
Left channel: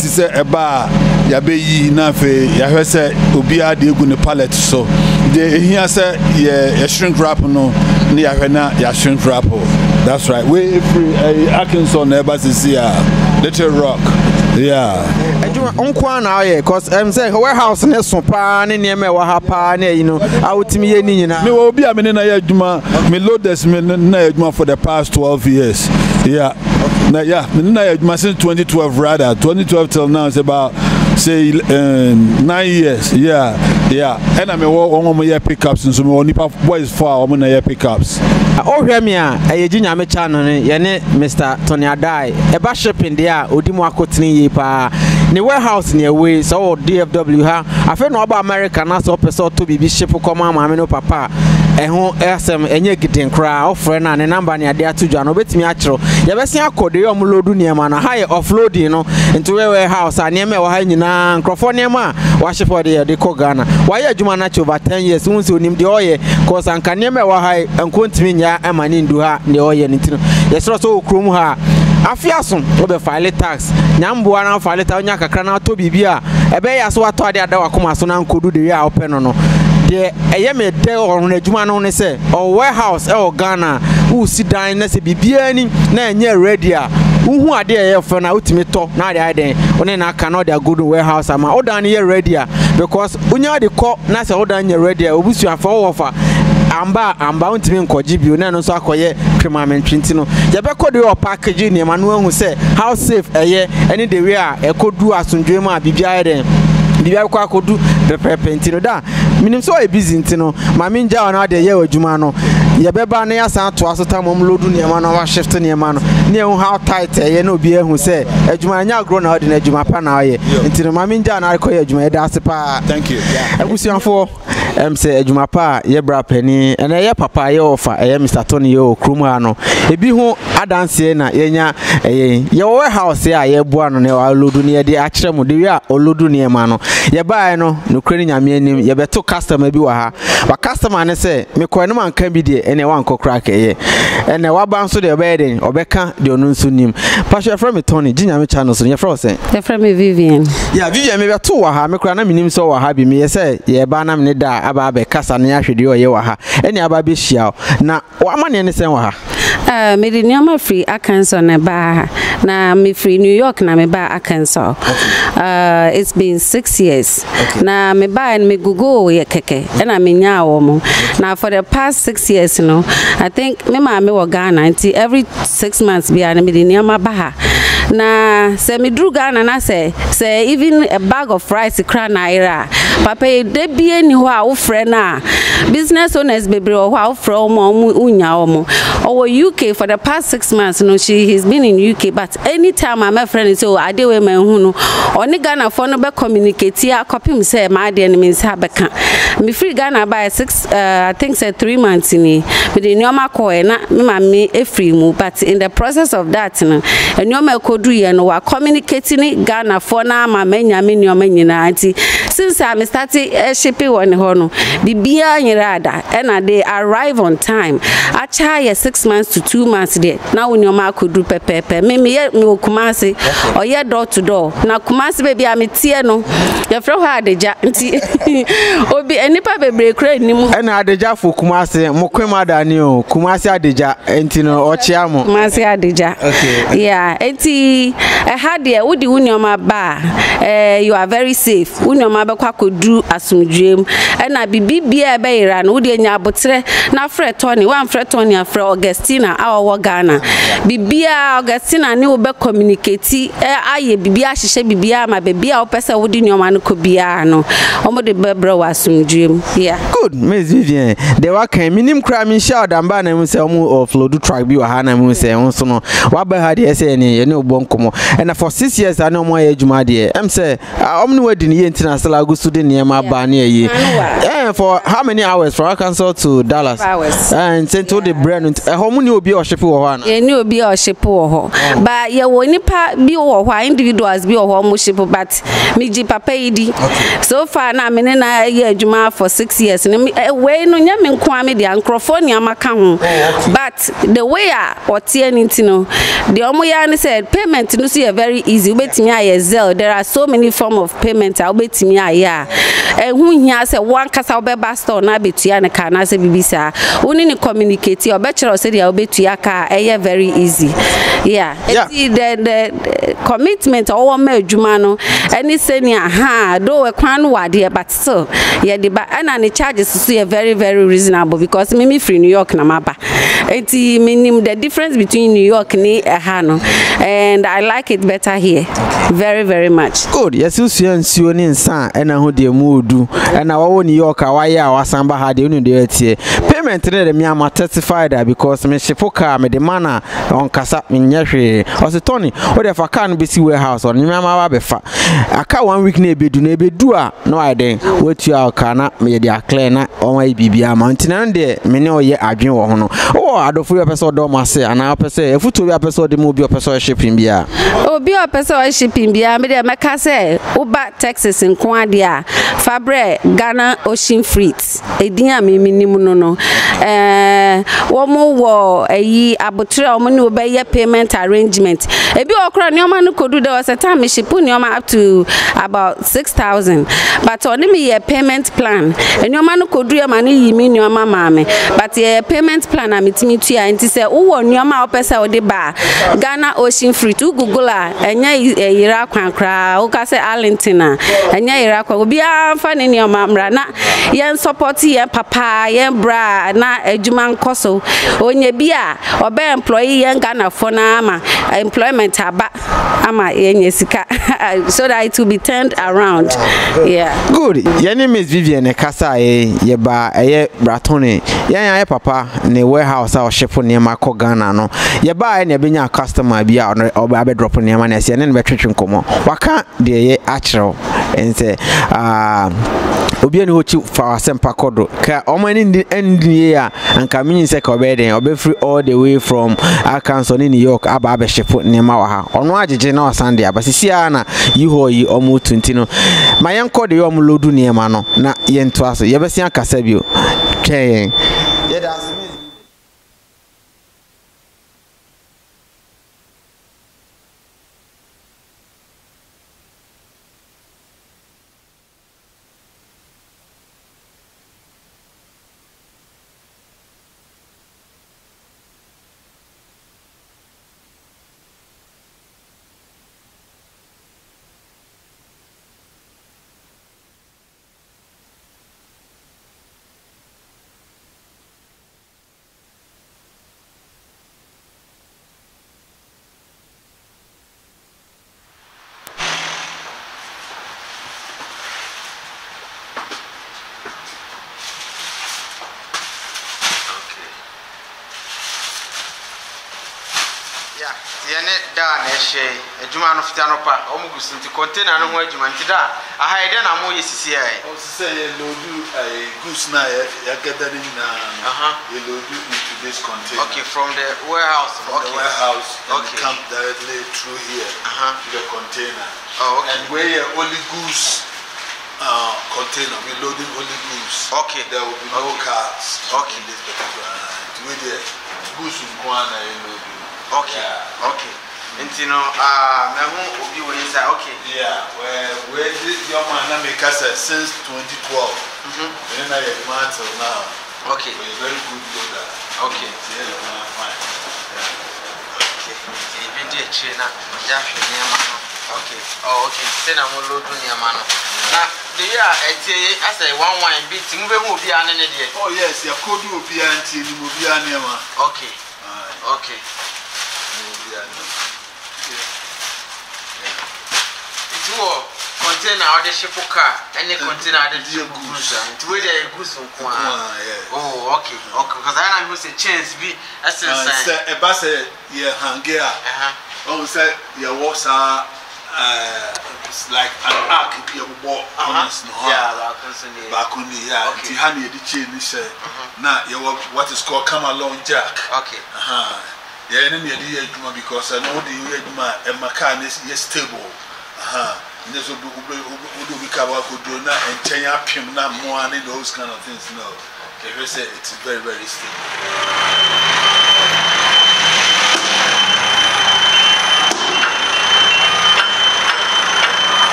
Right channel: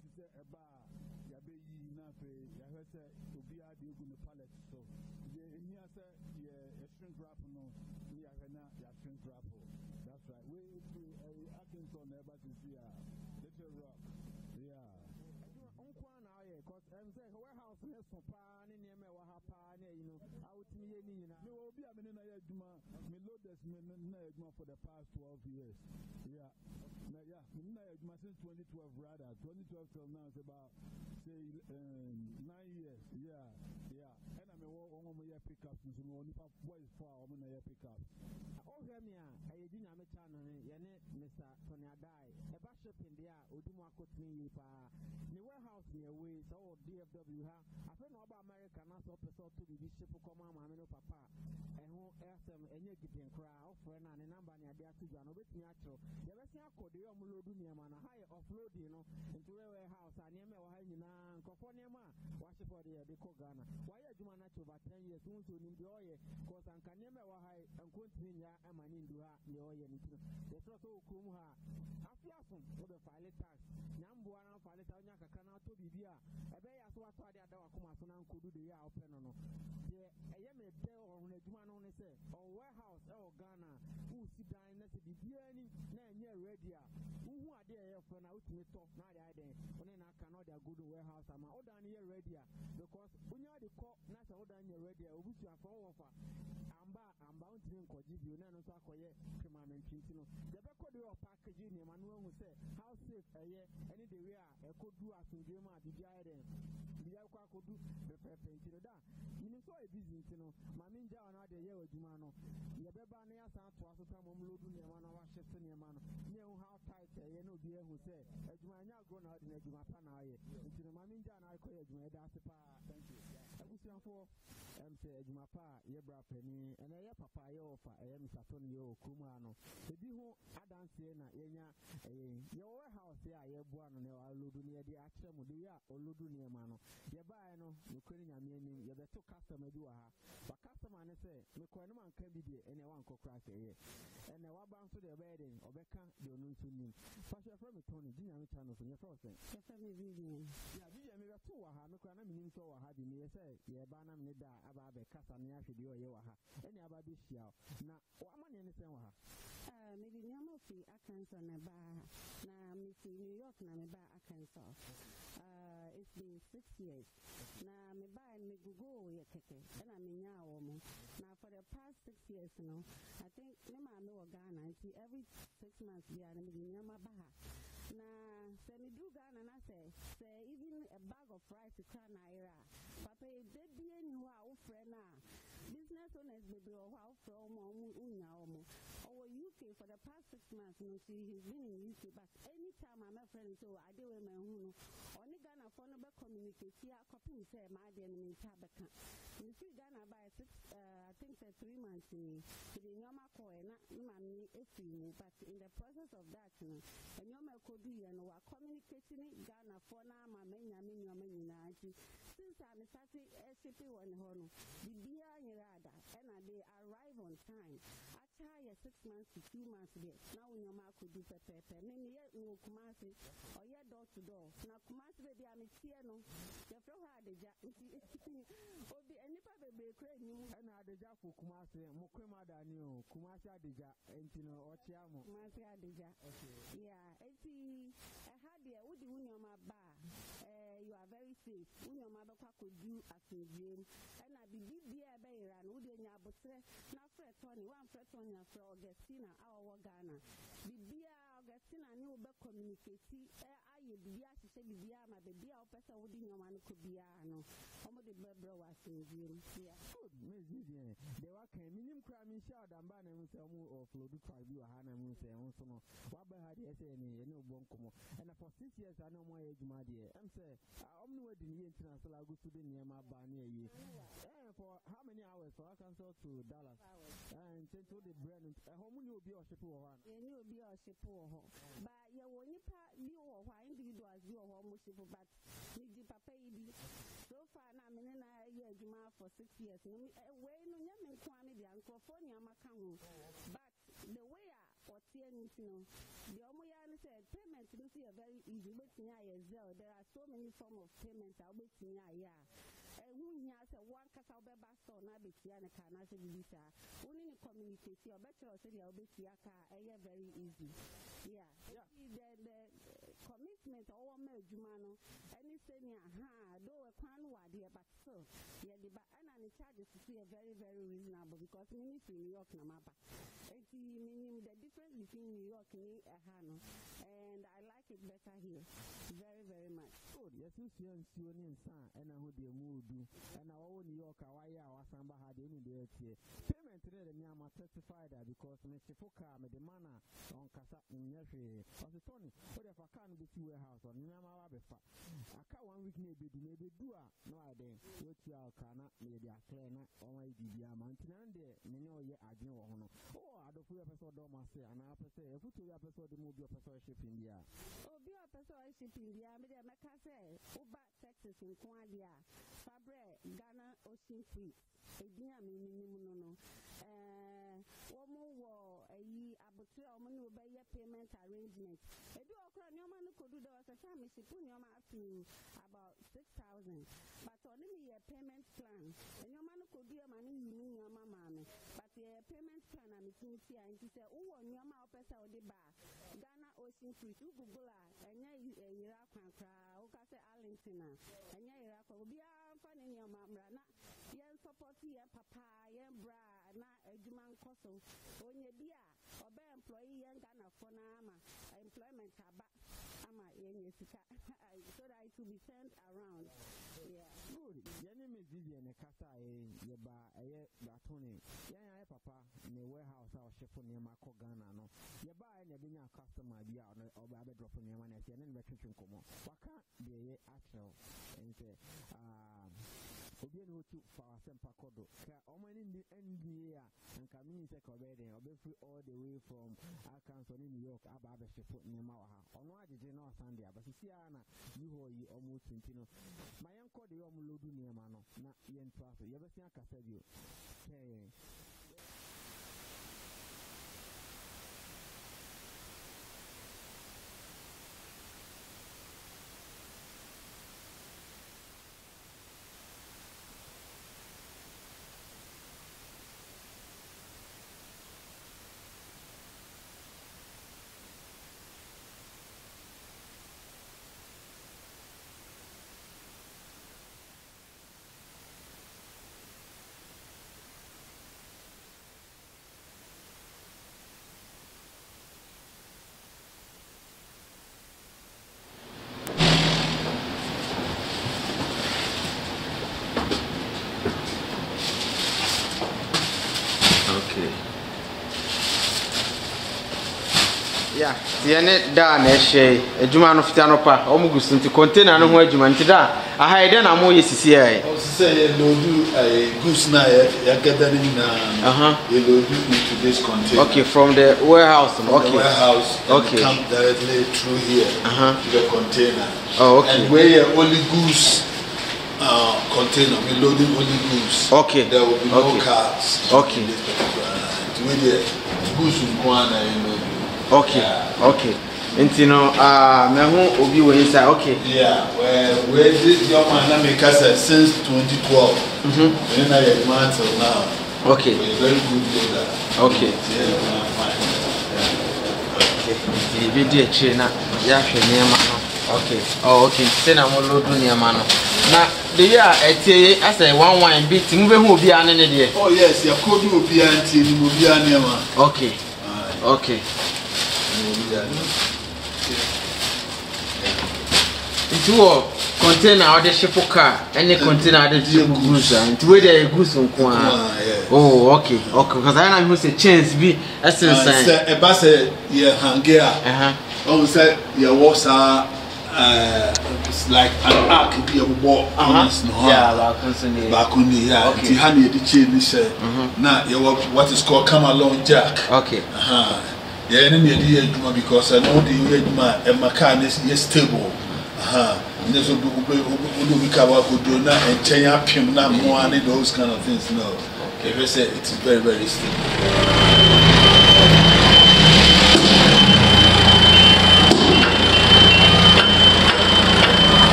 ti se eba ya be yi na fe ya hwese obi ade egu ne pallet so de ehia se ye shrink wrap no ne ya hwena ya shrink wrap. That's right. We free Arkansas neighbor see Little Rock. Yeah. Onkwa na aye cause say warehouse ne so pa ne niema wa ha pa na you know awutimi ye ni nyina me obi a me na ya adwuma me loaders me na adwuma for the past 12 years. Yeah. Okay. Yeah, me na ya adwuma since 2012 rather 2012 till now it's about say 9 years. Yeah. And I me wo mo ye pickups so me onipa boys for mo na ye pickups. O hwe me a Jinyame channel ne ye ne Mr. Tony Adai e ba shipping there odi mu akotini yi pa ne warehouse ne away so DFW ha afa no aba America na so person to bibi ship koma maame no papa ehun esem enye giden kra ofre na ne number ne ade atudwa no betimi akiro ye besi akode ye omloadu ne ma na high offloading no into warehouse ane me wa ha nyina nkrofo ne ma wa ship de ko Ghana wa ye adwuma na over 10 years wonse onim de oye cause anka ne me wa ha enkontimi nya emani ndu ha ne oye ne tino ye so okrom ha afiaso obe file tax nyamboa na file tax nya kakra na to bibia ebe ya so ato ade ada wakoma so na nkodu de ya ope no de eye me de orun adwuma no ne se o warehouse e o Ghana u si dan na se bibia ni na enye ready a uhu ade eye fo na utimi to na ade ade one na aka no de good warehouse ama o dan ye ready a because unya de ko na se o dan ye ready a obusu afo wofa amba untimi nkoji bio na no so akoye cremament nti no ye be kode your package ni ma no ahu se how safe eye any the way a ekodu asundwe ma bibia eden bibia kwa kodu pepepe nti no da minim so e busy nti no ma minja ona de ye adwuma no ye beba na ya san to asota mom lodu ne ma no wa shift ne ma no ne hu how tight eye na obi ahu se adwuma nya agro na odi na adwuma pa na ye nti no ma minja na akoye adwuma e da sepa. Thank you. Abusianfo say adwuma pa ye bra pani ena ye papa ye ofa ye Mr. Tony ye okruma no ebi hu adanse na yenya ye warehouse ya ye boa no ne wa lodu ne de akire mu de wi a olodu ne ma no ye bae no nokre nyame anim ye beto customer bi wa ha wa customer ne say me ko ne man kan bi de ene wa nko crack ye ene wa ban so de obeden obeka de onu nso nim pastor from me Tony ginyame channel so ye from say ye from me Vivian ya Vivian me beto wa ha me kra na minim so wa ha bi me ye say ye ba na me da aba be kasa na ahwede oye wa ha ene aba be hia na amane ne sen wa ha me de nyama free Arkansas na ba na me free New York na me ba Arkansas. It's been 6 years. Na me ba and me gugu ye keke and I me nya wo mo now for the past 6 years I think me ma me wo Ghana until every 6 months be and me de nyama ba ha na se me dru Ghana na say even a bag of rice kra naira papa de bie ni ho a wo frɛ na business owners bebre ho a wo frɛ mo unya mo or UK for the past 6 months he's been in UK but anytime my friend say I dey we man hu no oni Ghana for no be communicate ya copy me say my dey me say abeka me free Ghana by I think say 3 months ni me dey nyoma ko na me ma me e free mu but in the process of that nyoma kodu ye no wa communicating Ghana for na ma menya me nyoma nyina anti since I started shipping on hono bibia nyirada and they arrive on time acha ye 6 months to 2 months there now nyoma kodu pepepe me Kumasi or ye door to door na Kumasi baby am tie no ye fro ha adeja nti obi enipa bebre kra nimu na adeja fo Kumasi mo kwema dani o Kumasi adeja enti no ochia mo Kumasi adeja yeah enti had there wudi unyoma ba you are very safe unyoma be kwa kodu asumdwem na bibia be ira no wudi nya abotre na frɛ Tony wan frɛ Tony afrɛ Augustina awo Ghana bibia Augustina ni wo be communicate aye bibia hyehyɛ bibia ma bibia wo pese wudi nyoma no ko bia no omo de bebra wasumdwem yeah good Miss Vivian de wa kan minim kra mi sha odamba na mu se omo offload track bi wa ha na mu se so no wa ba ha de se ne ye ne obonkomo and for 6 years ana omo ya adwuma de em se omo ne wadi ne ye ntina sala agusu de ne ma ba ne ye for how many hours from Arkansas to Dallas and sent to the brand how many obi o ship wo ho na ye ni obi o ship wo ho ba ye wo nipa bi wo ho individuals bi wo ho mo ship but me ji papa yidi so far na me na ye adwuma for 6 years we no nya me nko ame de microphone amaka ho but the way a otie nintino the omo ya ne said payment no so very easy ubetimi aye Zelle there are so many form of payment ubetimi aye hu hia se one kasa obeba store na betua ne ka na se bibisa uni ni communicate obechero se dia obetua ka very easy yeah. The commitment or ma adwuma no any senior ha do we kwan wade but still yeah the and the charges so very very reasonable because me free New York na maba enti minim the difference between New York ni Hano, and I like it better here. Very, very much. Good. Yes, you see, and see, and son, and I hold the mood, and our New York, Hawaii, or Samba had the union payment today. Me, I'm testified that because me Shipoka, me the manner on Kasap in Yashi, or the Tony, or if I can't be see warehouse or Nimama Befa. I can't 1 week neighbor do no idea what you are cannot me the Aclena or my BBA mountain and there, me know ye I dream or no. Oh, I don't feel episode Domase, and I'll say, if you to episode the movie episode shipping beer. Oh, be a person shipping beer, me the Macase, Uba, Texas, and Quadia, Fabre, Ghana, Ocean Frites, a dear me minimum. One more war a ye abutra money obey your payment arrangement. A be okra Nyoman could do there was a time she put Nyoma up to about 6,000. But on me a payment plan. And your man could do your money, you mean your mamma. But a payment plan, I'm meeting to you and to say, oh, Nyoma Opesa or the bar. Ghana Ocean Free to Google and ya Iraq and cry, Okase Arlentina, and ya Iraq will be a fan in your mamma. Yan support ye papa, yan bra, na a Juman Koso, or ye beer, or be employee yan Ghana for Nama, employment ama Yesika, so that it will be turned around. Yeah. Good. Your name is Vivian Kasa, ye ba, a Bratoni, ya papa, ne warehouse or ship near Marco Ghana, no. Ye buy and ye be a customer be out or be dropping your money, and then veteran come on. What can't they actual and say, Obian Hochi for our Sempa Kodo, Ka Oman in the end year and coming second or be free all the way from Arkansas in New York, Ababe ship near Mawaha. On what general Sunday, but Siana, you ho ye almost 20. My uncle the Lodu near Mano, na yen twas, you ever seen Casabio. Trying. Yeah, the end done a shay, a Juman of Tanopa, almost into container no more Juman Tida. I hide then I'm always say, say, load a goose night, you're gathering you load into this container. Okay, from the warehouse. Okay, warehouse. Okay, come directly through here to the container. Oh, okay. And where your only goose container, we loading only goose. Okay, there will be no cars. Okay, in this particular with the goose in Kwana and load. Okay, yeah. Okay. And you know, me obi we inside. Okay. Yeah, where this young man make us since 2012. And then I get man till now. Okay. We're very good loader. Okay. Yeah, fine. Okay. The video chain ya hwe okay. Oh, okay. Say na mo load near man. Na the year I say one wine beat move who be an ne. Oh yes, your code will be anti will be near man. Okay. Okay. Into a container or the ship car, any container the goose, and where the goose on Kwan. Oh, okay, okay, because I know who's a chance be essence. A bus, yeah, Hangea. Oh, said your walks are like an arc, be a walk. Yeah, back on the yard, the honey, the chain, say, now you what is called come along jack. Okay. Yeah, and then you because I know the and my car is stable. And there's a book we cover good do not and change up him not more and those kind of things. No, okay, say it's very, very stable.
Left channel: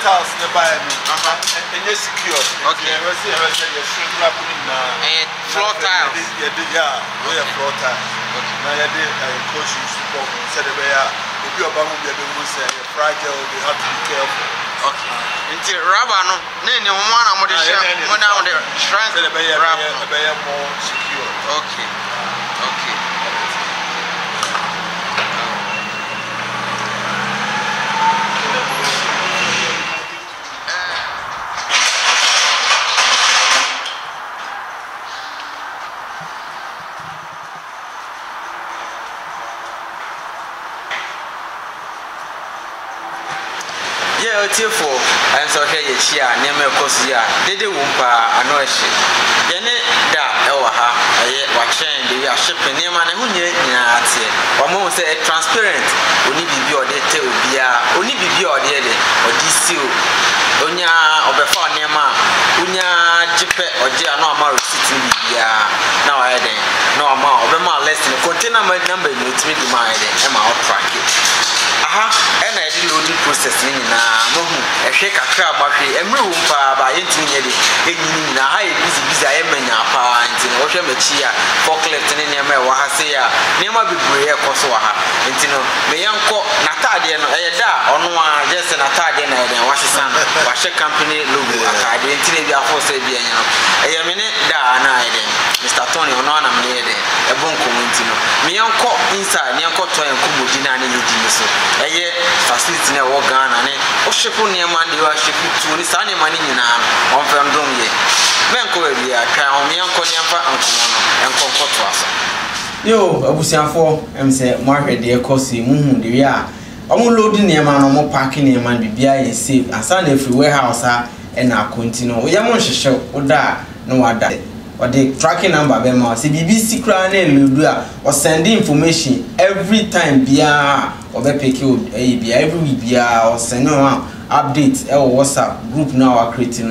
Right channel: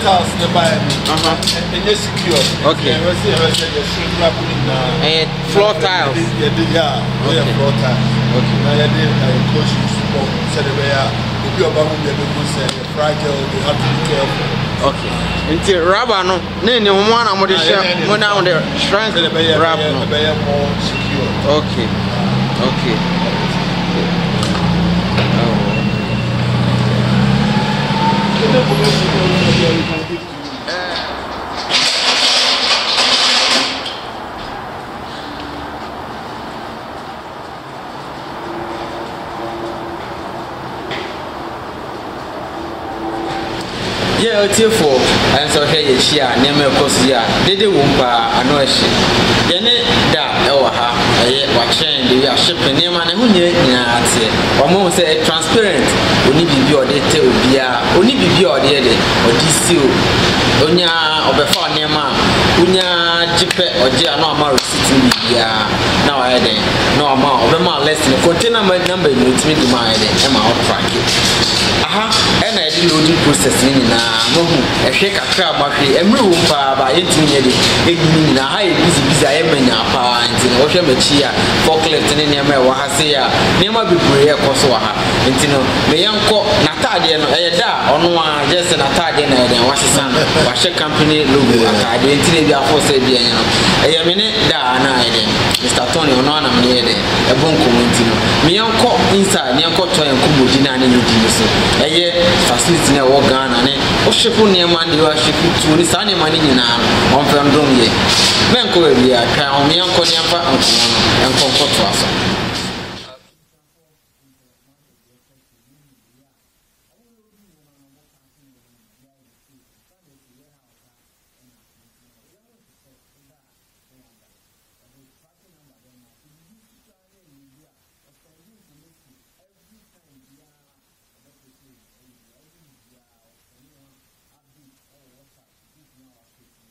House nearby and it's secure. Okay. And floor tiles. Yeah, floor tiles. Okay. Now, I did coach you support, said the way obi oba mo be mo say fragile, they have to be careful. Okay. Nti rubber no na ni mo na mo de share mo na mo de strength rubber no be more secure. Okay. Okay. Yeah, for and so here she are near Cosia, did the wompa and no she. Then that ha, watching the shipping near man who knew it. Or more say transparent, only be your data will be only be your dead or DCO. Onya or before near man, Unya Jipe or Gia no more receipt now I then no amount of my less than container my number in the mind and my track it. And I did loading processing now. A shake a crab, a room by 18 years. A high busy, I am in your pines in Ocean Machia, Falkland, and near Wahasea, near my Bibria Kosoa. And you know, may uncle Natadian, on one just an Italian and Washington, Washer Company, Lugu, I didn't be a force. A minute, Mr. Tony, on one near a bon community. Me uncle inside, near Koto and Kumudina and you. Aye, facility na wo Ghana ne o shepu ne man de wa shepu tu ni sa ne man nyina on fam dom ye menko we bia kan o me yanko ne fa anko no enko to aso yo abusiafo em se mo ahwede e kosi muhu de wi a omo load ne man no mo park ne man bibia ye safe asa na free warehouse a e na continue o ye mo hwehwe o da no wada or the tracking number be ma say BBC kra na eludu a or send information every time bia or be pick you bia every week bia or send no update e WhatsApp group now are creating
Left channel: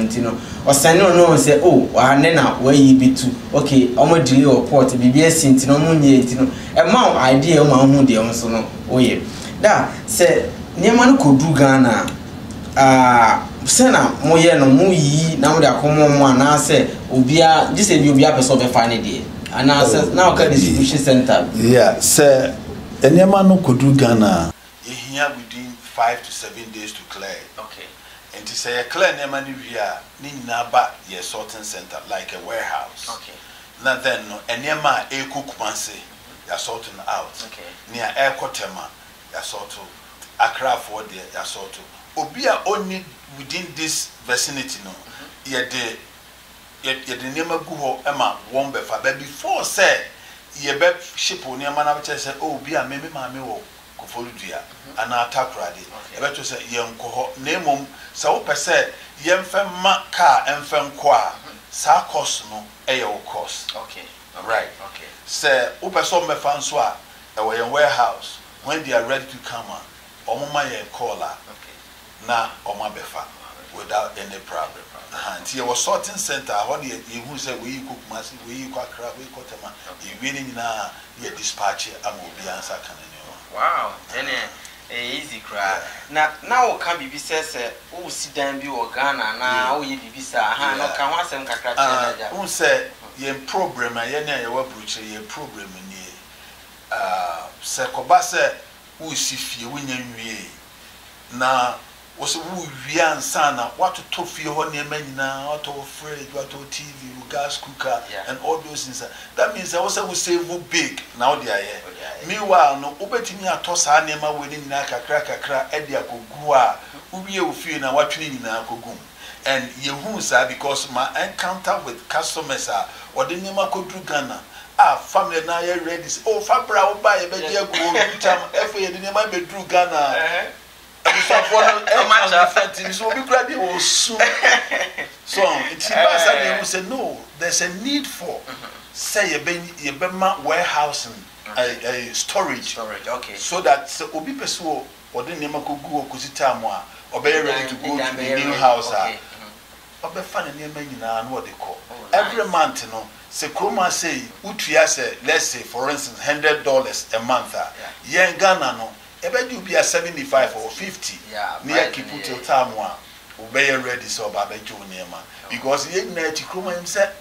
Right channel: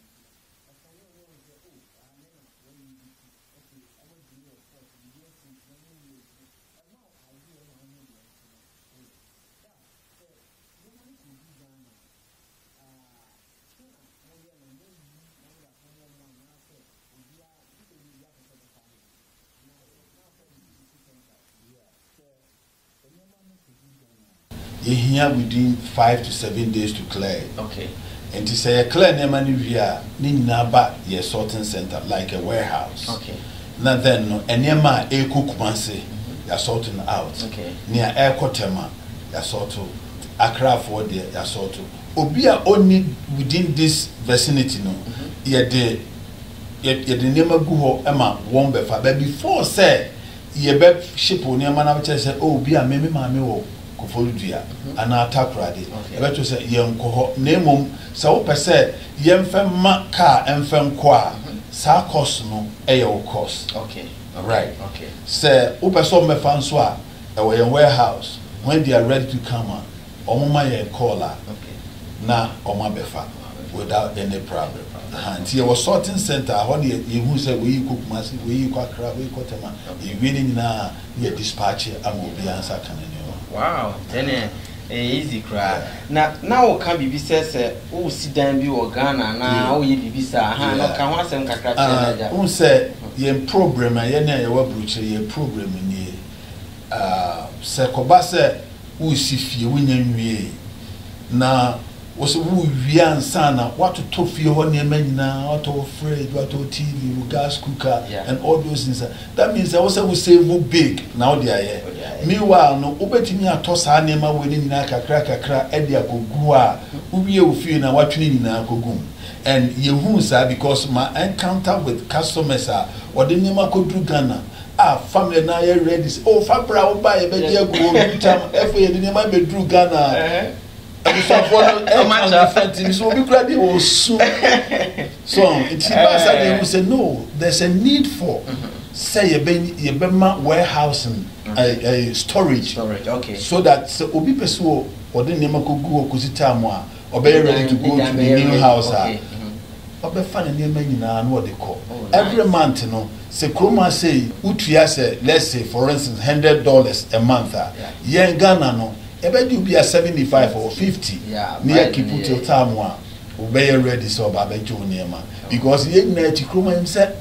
or send no say oh wa na where you be to okay omo delay report BBC ntino mo nye ntino e ma idea o ma hu de o so no oye da say niam no kodu Ghana sena moye no mu yi na mo de akomo mo ana se obia just say obia person be find it ana se na o ka distribution center yeah say enema no kodu Ghana here within 5 to 7 days to clear. Okay. And to say a clear nema ni via ni naba ye sorting center like a warehouse. Okay. Now then no enema e kukumanse ya sorting out. Okay. Near air kotema ya sorto Accra for there ya sorto. Obia only within this vicinity no. Ye de nema gu ho ema won be fa but before say ye be ship o nema na be say oh bia me maame wo Kofoludua ana atakrade ebeto se yenko ho nemom sa wo pese yemfem ma car emfem ko a sa cost no eye wo cost okay right okay se wo pese o mefa nso a e wo yen warehouse when they are ready to come on omuma yen call a okay na oma befa without any problem and here was sorting center how the you say we cook mass we kwa crab we kotema you really na ye dispatch am obi answer kan any wow then easy cry now can be says o si dan bi o Ghana na o ye bibi sa ha no ka ho asem kakra che na say ye program ye na ye wa bruche ye program ni se ko ba se o si fie wonya nwie na wo se wo wian sana what to fie ho ne manyina auto fridge what TV gas cooker and all those things that means that we save big now they are here meanwhile no obetimi atosa na ma we ni nyina kakra e dia kogu a uwie ofie na watwene nyina kogum and ye hu sa because my encounter with customers are or the nyama kodru Ghana family na ye ready oh fabra wo ba ye be dia go time efe ye the nyama be dru Ghana so we gradually will soon. So it say no, there's a need for say a warehousing storage. Okay. So that obi peso or the name go kusita or be ready to go to the new house. Obe fan name nyina no what they call. Every month no say Kroma say utua say let's say for instance $100 a month. Yeah Ghana no ebe do be a 75 or 50 near keep till time one obey ready so ba be jo niema because ye na ti kroma him say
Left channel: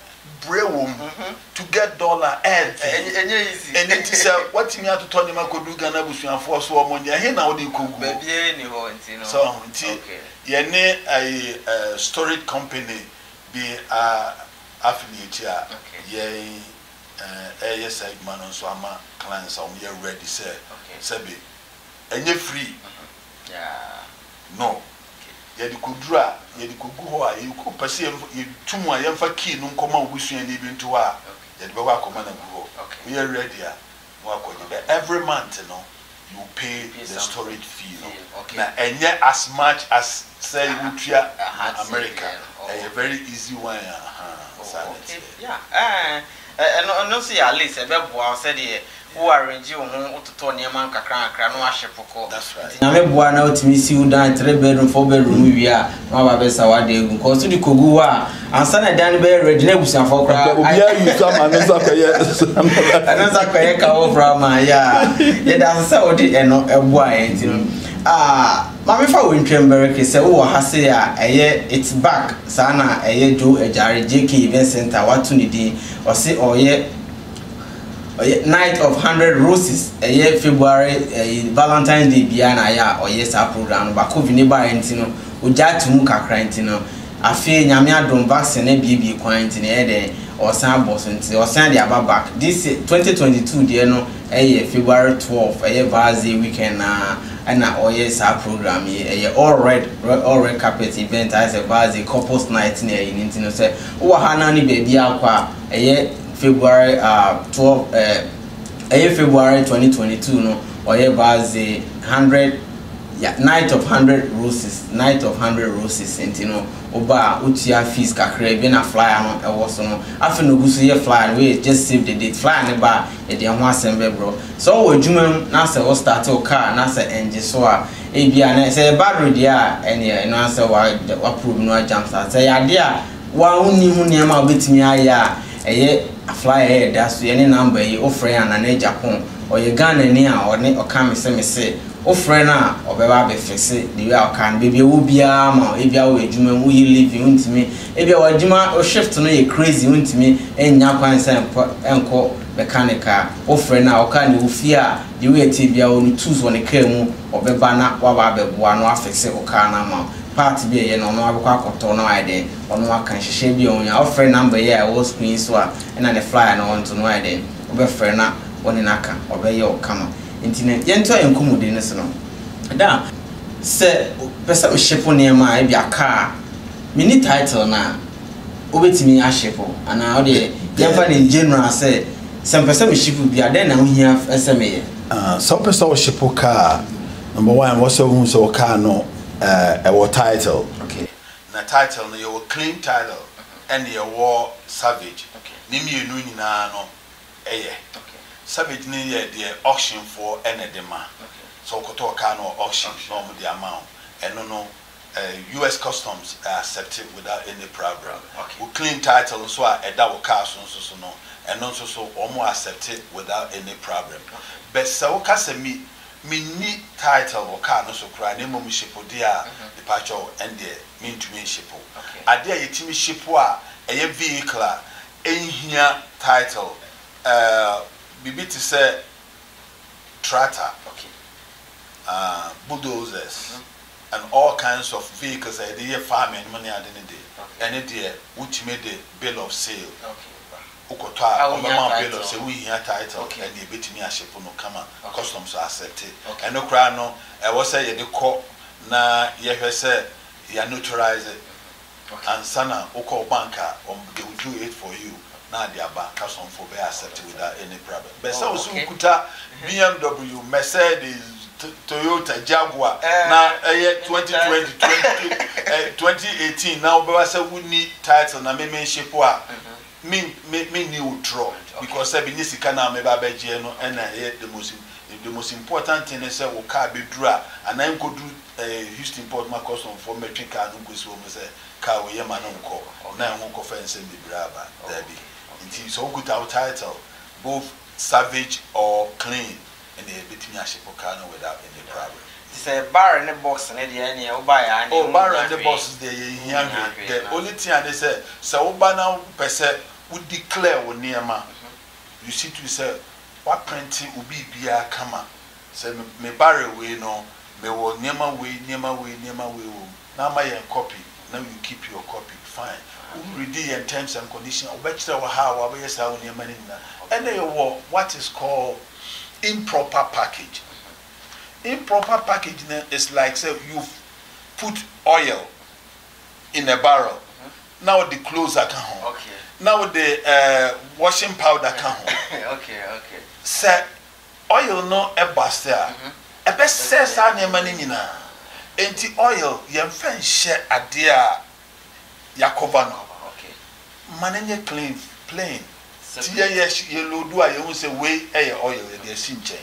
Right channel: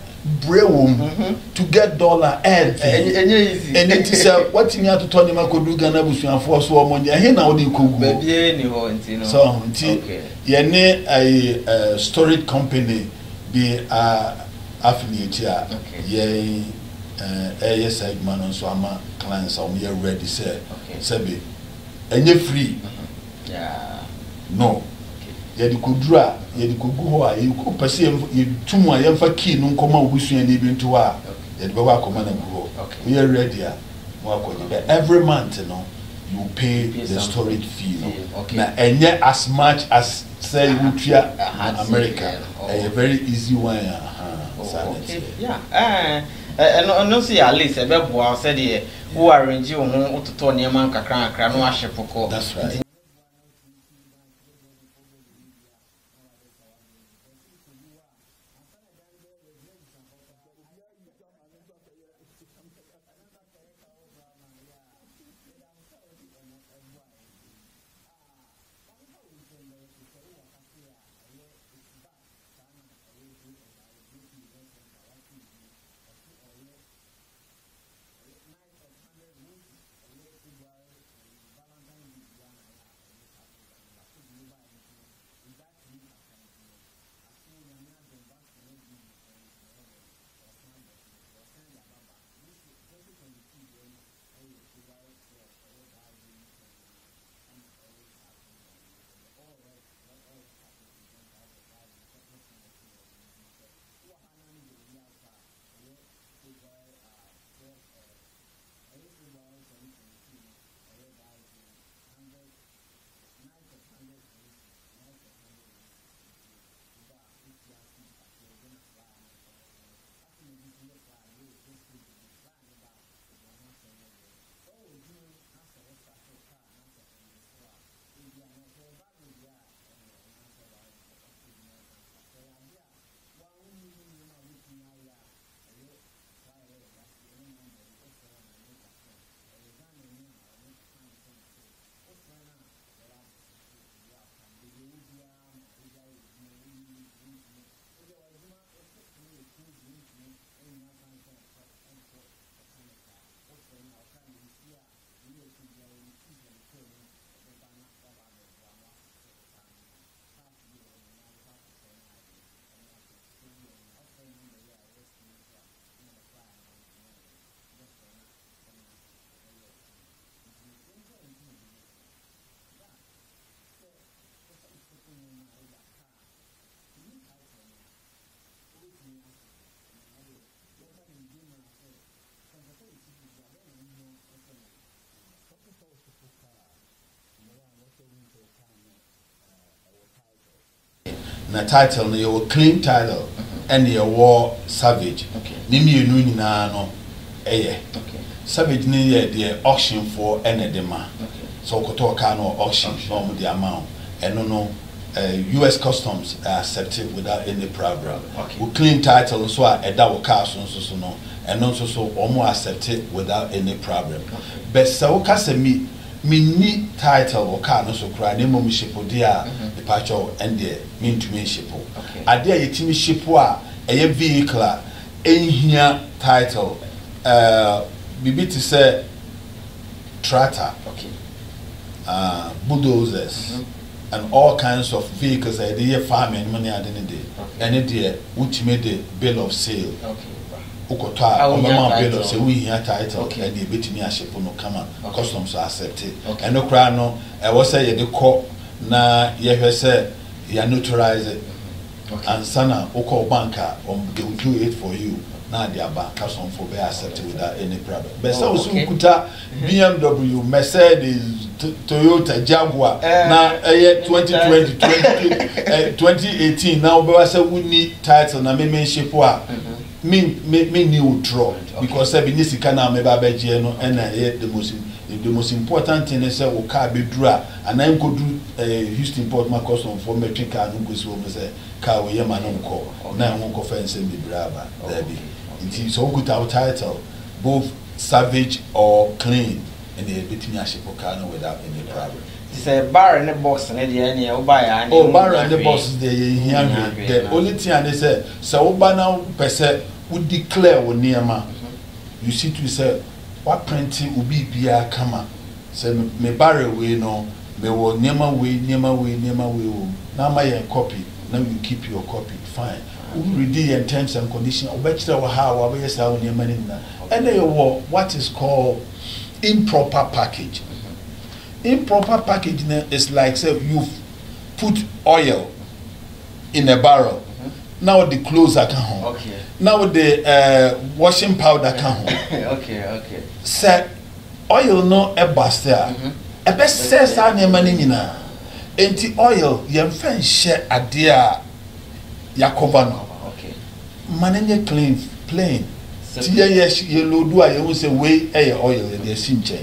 brewum to get dollar easy and it is what you have to turn him could do Ghana Busian for so money and now they could be so yene a storage company be affiliate here ye yes man on so ama clients are ready say be enye free no yedi kudura yedi kugu ho a yiku pese yetumu a yemfa key no nkoma obusua ni bi nto a yedi be wa akoma na go we are ready a wa akoje every month no you pay the storage fee no na enye as much as say you tria America a very easy one no see at least e be boa say dey who arrange wo ho to neman kakra no ahye poko na me boa na otimi si u dan 3 bedroom 4 bedroom wi a no ba be sawade egu ko so di kogu a ansa na dan be ready na busan for kra obi a you some anasa kwaye ka wo from ya ye da say odi eno eboa enti no mami fa wo ntwem bereke se wo ha se a eye it's back sana eye jo ejare JK event center watu ni din o se oye night of 100 roses February Valentine's Day bia na ya oye sa program ba covid ni ba enti no oja tumu kakra enti no afi nyame adom vaccine na bie kwan enti na de osan boss enti osan de aba back this 2022 de no February 12 Varsity weekend na oye sa program all red carpet event as a Varsity couples night na enti no say wo ha na ni ba bia akwa February 12 February 2022 no oye Varsity 100 night of 100 roses enti no oba utia fees kakra bi na flyer no e wo so no afi no gusu ye flyer we just save the date flyer ne ba e de ho asembe bro so wo adwuma na se wo start o car na se engine so a e bia na se battery dia ene no ase wa prove no jump start se ya dia wa uni hu ne ma obetimi aya eye flyer da so ye ne number yi ofre ya na Japan oye Ghana ni a one o ka me se o friend a obeba be fixe the way I can baby wo bia ma e bia wo adwuma mu yi living untimi e bia wo adwuma o shift no ye crazy untimi enya kwan se enko mechanical o friend a o ka ni wo fia the way ti bia wo tools won ka mu obeba na wa ba be boa no afixe o ka na ma part bi ye no no abekwa akoto no ide ono aka hihye bi onya o friend number ye wo screen so a na the flyer no want to no ide obe friend na woni naka obe ye o kama intine yento enkomude ne so no da se pesa me shepo ne ma e bia ka mini title na obetimi a shepo ana o de yemfa ne general se pesa me shepo bia den na ho hia eseme ye so pesa o shepo ka number 1 was so ka no a title okay na title no your claim title and your war savage ni mienu nyina no eye Savage ni the auction for enedema. So koto ka no auction no the amount. And no US Customs accepted without any problem. We clean title so that will car so no and also so almost accepted without any problem. But so ka se me ni title or car no so cry name me ship dia departure and the mean to me ship. Ade yetimi ship a vehicle ehia title bibi to say tractor, bulldozers, and all kinds of vehicles. I did farming money I didn't do. And it which made the bill of sale. Ukota, bill of sale. We here title and the bit me a ship no come customs are accepted. And no cry no. I was say the court na ye say you neutralize it. And sana oko banker they will do it for you. Now they are back custom for be accepted without any problem. But so kuta BMW, Mercedes, Toyota, Jaguar. Now 2020, 2018. Now we say we need title na me ship wa. Me new draw because I be nisika na me ba beje no and the most important thing is say we car be draw and I go do Houston Port my custom for metric car no go so me say car we man no ko na won ko fence be braba there be. It is all good our title, both savage or clean, and they beat me a ship without any problem. It's a bar in the box and any bar and the box is the only thing they say, so now per se would declare wo niema you see to say what printing will be bia kama say me barre we no me wo niema we na ma yen copy now you keep your copy fine we read the terms and conditions obekira wa ha wa be say wo niema ni na and they what is called improper package. Improper packaging is like say you've put oil in a barrel. Now the clothes are come. Okay. Now the washing powder come. Okay. Say oil no e bust there. E be say sa na ma ni nyina. Enti oil yem fan share ade a yakoba no. Okay. Manage clean plain. Ti ye lodu a ye wo say we e oil e dey sinche.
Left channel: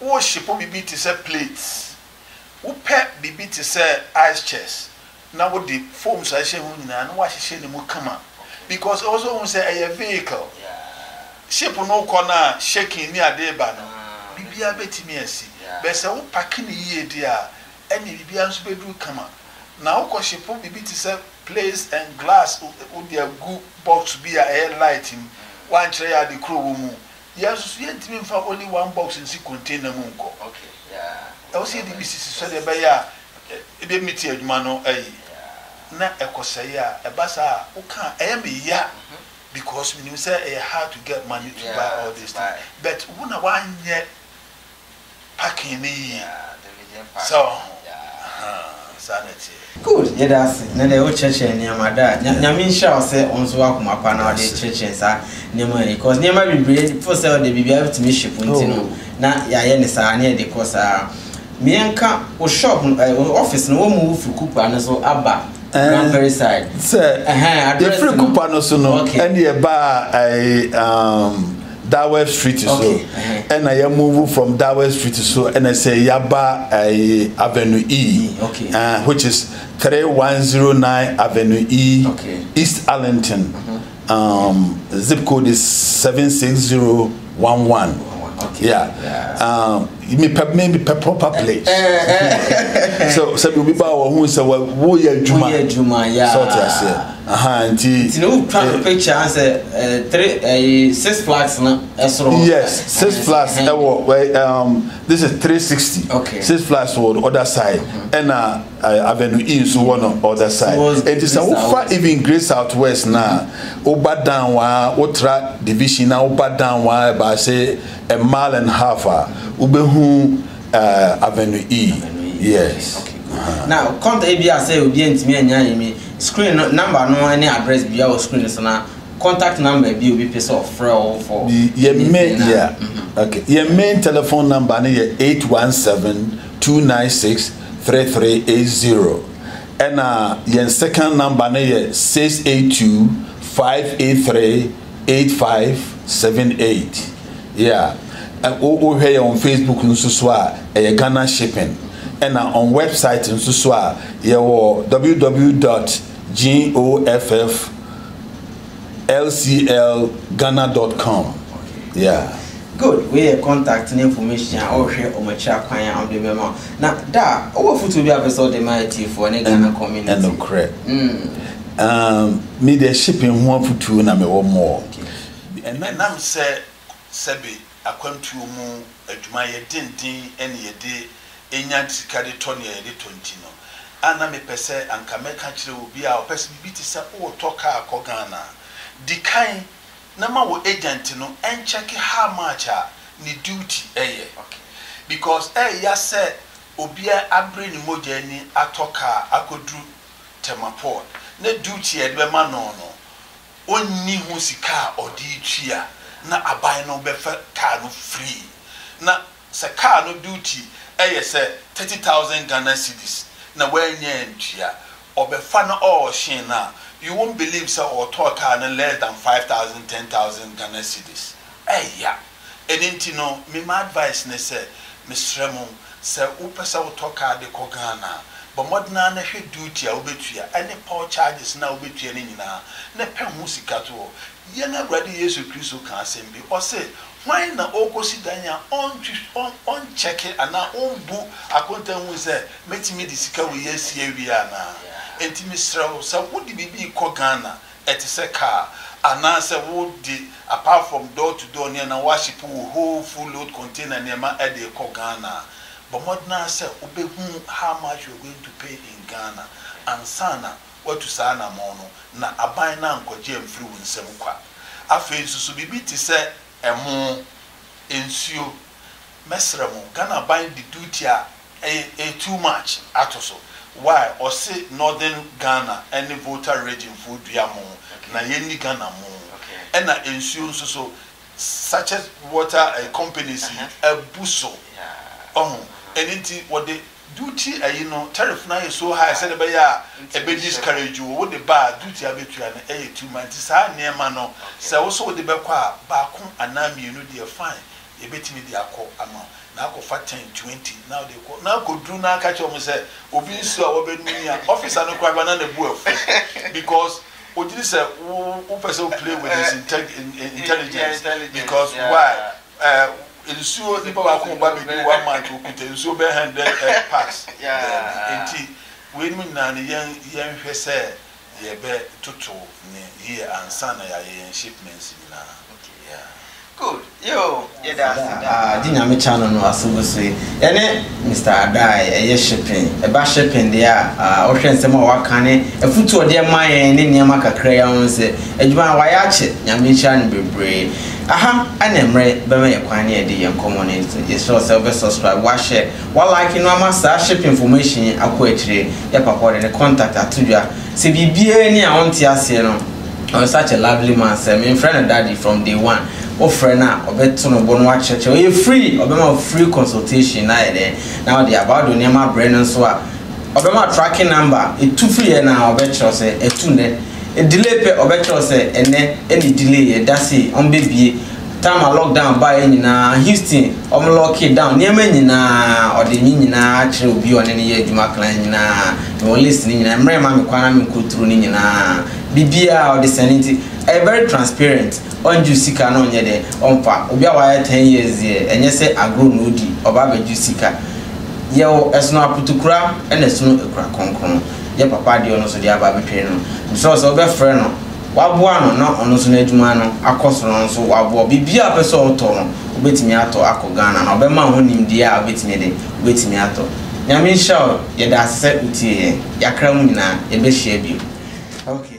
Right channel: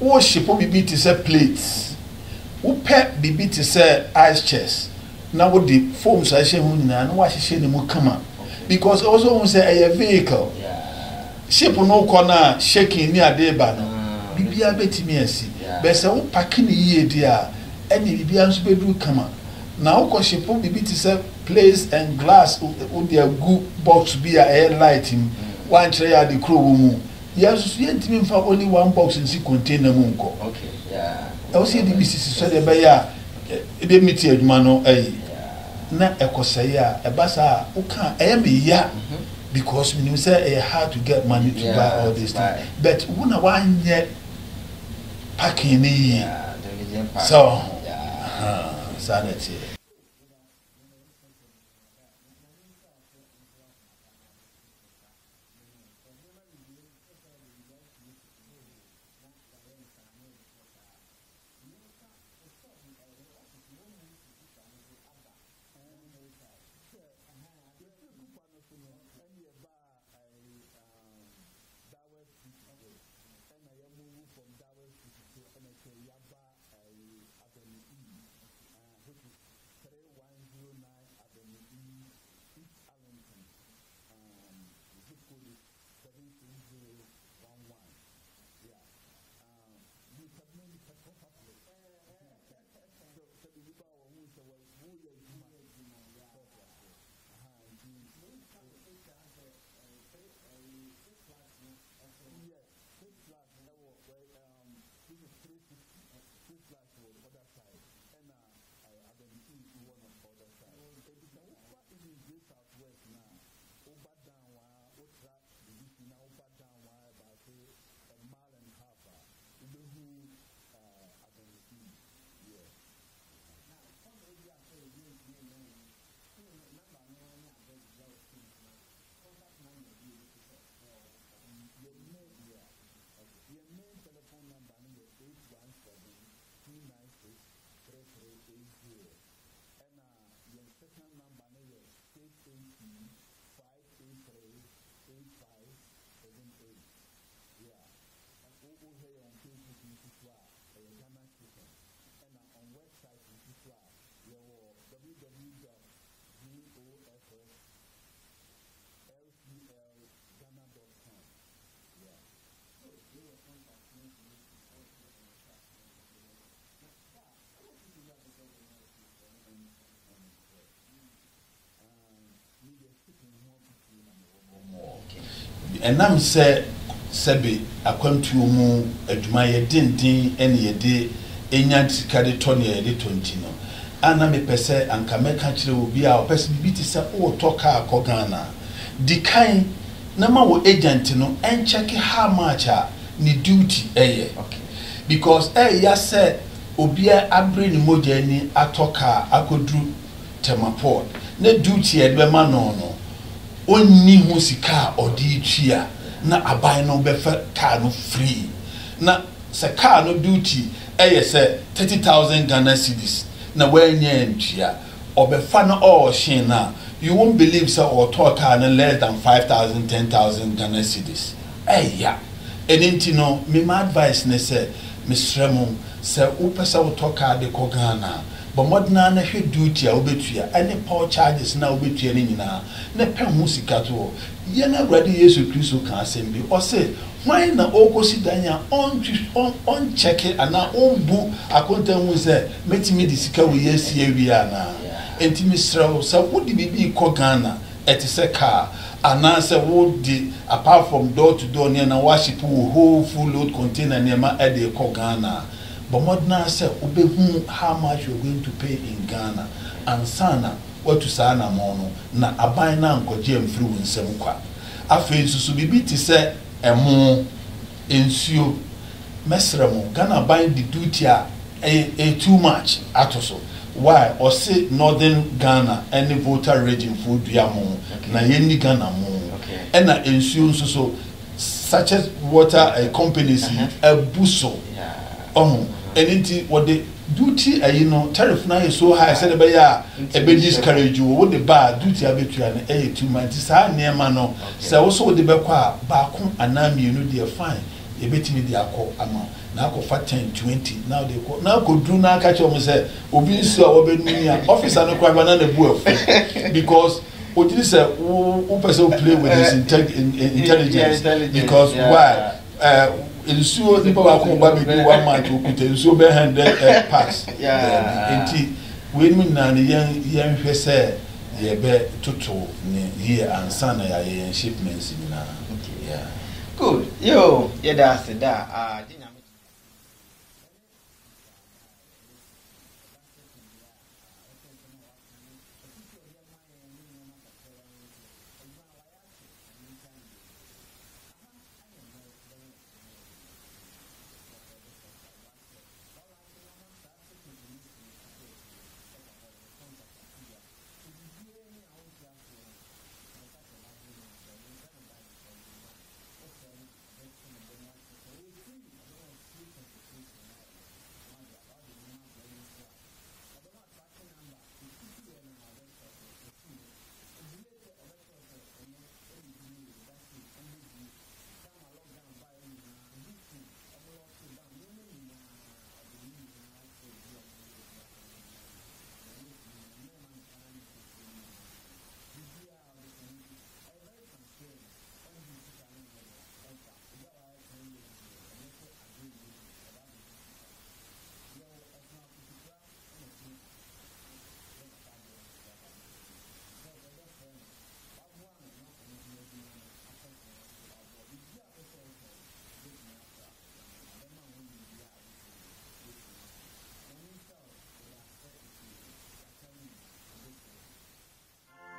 Wo shipo bibi ti say plates. Wo pe bibi ti say ice chest. Na wo the foam so she hu nyina na wa hye ne mu kama. Because also won say a vehicle. Yeah. Ship no corner shaking ni ade ba no. Bibi a betimi asi. Be say wo pack ni yie dia any bibi anso bedu kama. Na wo ko shipo bibi ti say plates and glass wo dia good box be a air lighting. One tray at the crew mu. Yes, you didn't for only one box in the container munko. Okay, yeah. I was saying the business so the buyer a bit meet your mano a na ekosaya a basa uka ya because when you say hard to get money to buy all this thing. But one yet packing so sanity. Good, yeah, that's na the old church and Yamada. Yamin shall say on so welcome upon our church and sa Nema because Nema be brave for sale the be able to miss ship na ya sa near the course Mianka or shop office no move for Cooper so Abba very side. Sir, the free coupon also no and the bar Darwell Street so and I move from Darwell Street so and I say Yaba Avenue E which is 3109 Avenue E East Arlington zip code is 76011 maybe proper place so we buy who say wo ya juma sort as you know picture answer 6 flags na yes 6 flags this is 360 6 flags for the other side and Avenue E so one on other side it is far even Great Southwest now over down wa ultra division now over down wa by say a mile and a half ubehu Avenue E yes now contact ABA say obi ntimi anya yemi screen number no any address bia o screen so na contact number bi obi pese of for your main okay your main telephone number na 817-296-3380 and your second number na 682-583-8578 yeah and over here on Facebook nso so Ghana shipping and on website nso so www.gofflclghana.com yeah good we contact information or share on my chat on the memo now da over foot to be episode the mighty for any Ghana community and no correct me the shipping one for two na me one more and I'm say sebe akwantu mu adwuma ye dindin ene ye de enya sikade tone ye de tonti no ana me pese anka meka kire obi a opese bi ti se o toka akogana dikan na ma wo agent no en check how much ni duty eye because ya say obi a abre ni moja ni atoka akodru temaport na duty e be ma no onni hu sika odi twia na aban no be car no free na se car no duty say 30,000 Ghana cedis na wenye ntia obefa na all shin na you won't believe so or talk car no less than 5,000 10,000 Ghana cedis enenti no me my advice ne say misremo se upesa wo talk car de ko Ghana but modna na hwe duty a obetua any power charges na obetua ni nyina na pe hu sika to ye na brade Yesu Kristo kan asembi o say why na okosi danya on check it and on bu akonta hu say metimi di sika we yesi awia na enti misrao sa wodi bibi ko Ghana ɛte sɛ car anaasɛ wode apart from door to door near na waship wo whole full load container nneɛma ɛde kɔ Ghana but modern sɛ wobɛhu how much you're going to pay in Ghana ansana watu saa na mo no na aban na nkɔgye amfiri wo nsɛm kwa afei nso so bibi te sɛ ɛmo ensuo mesrɛ mo Ghana ban the duty a too much atoso why or say northern Ghana any voter region for duamo na yenni Ghana mo and na ensuo nso so such as water companies abuso anything what the duty you know tariff na is so high said be ya e be discourage you what the bar duty abetua na 2 months sa neema no say wo so de be kwa ba ko anami no dey fine e betimi dey akọ ama na akọ fa 10 20 now they call now go do na catch them say obi nsu a wo be nuni a officer no kwa na na bu afu because what did say who person play with his intelligence because why ensuo nipa ba ko ba be 1 month okuta ensuo be 100 packs enti we ni na ne yan hwɛ sɛ ye be toto ne here ansa na ya ye shipments ni na good yo da dinyame channel no asogoswe ene Mr. Adai ye shipping e ba shipping dia ohwe nsem a waka ne afutu ode man ne niam kakra ya won se adwuma wa ya che nyame channel bebre aha ana mre be me kwan ne de yen community you sure self subscribe wa share wa like no amasa ship information akọ akire ya papa de contact atudwa se bibie ni a wonte ase no on such a lovely man say my friend and daddy from day one o friend na obeto no bo no wa cheche o free obema free consultation na there now the about the niam brand so a obema tracking number e tu free na obecho say e tu ne e delay pe obecho say ene any delay e dasi on bebie time a lockdown by nyina Houston lock it down niam nyina ode nyina kire obi one ne ye adwuma klan nyina no listening nyina mre ma me kwana me koturu ni nyina bibia or the sanity very transparent on jusika no nye de onfa obi a wa 10 years here enye se agro no di oba be jusika ye o esno aputukura ene esno ekura konkon ye papa de ono so de aba betwe no so obe frɛ no waboa no na ono so na adwuma no akoso no so waboa bibia pese oto no obetimi ato akọ Ghana na obema ho nimdi a obetimi ato nyame show ye da se utie yakra mu nyina ye be share bi okay.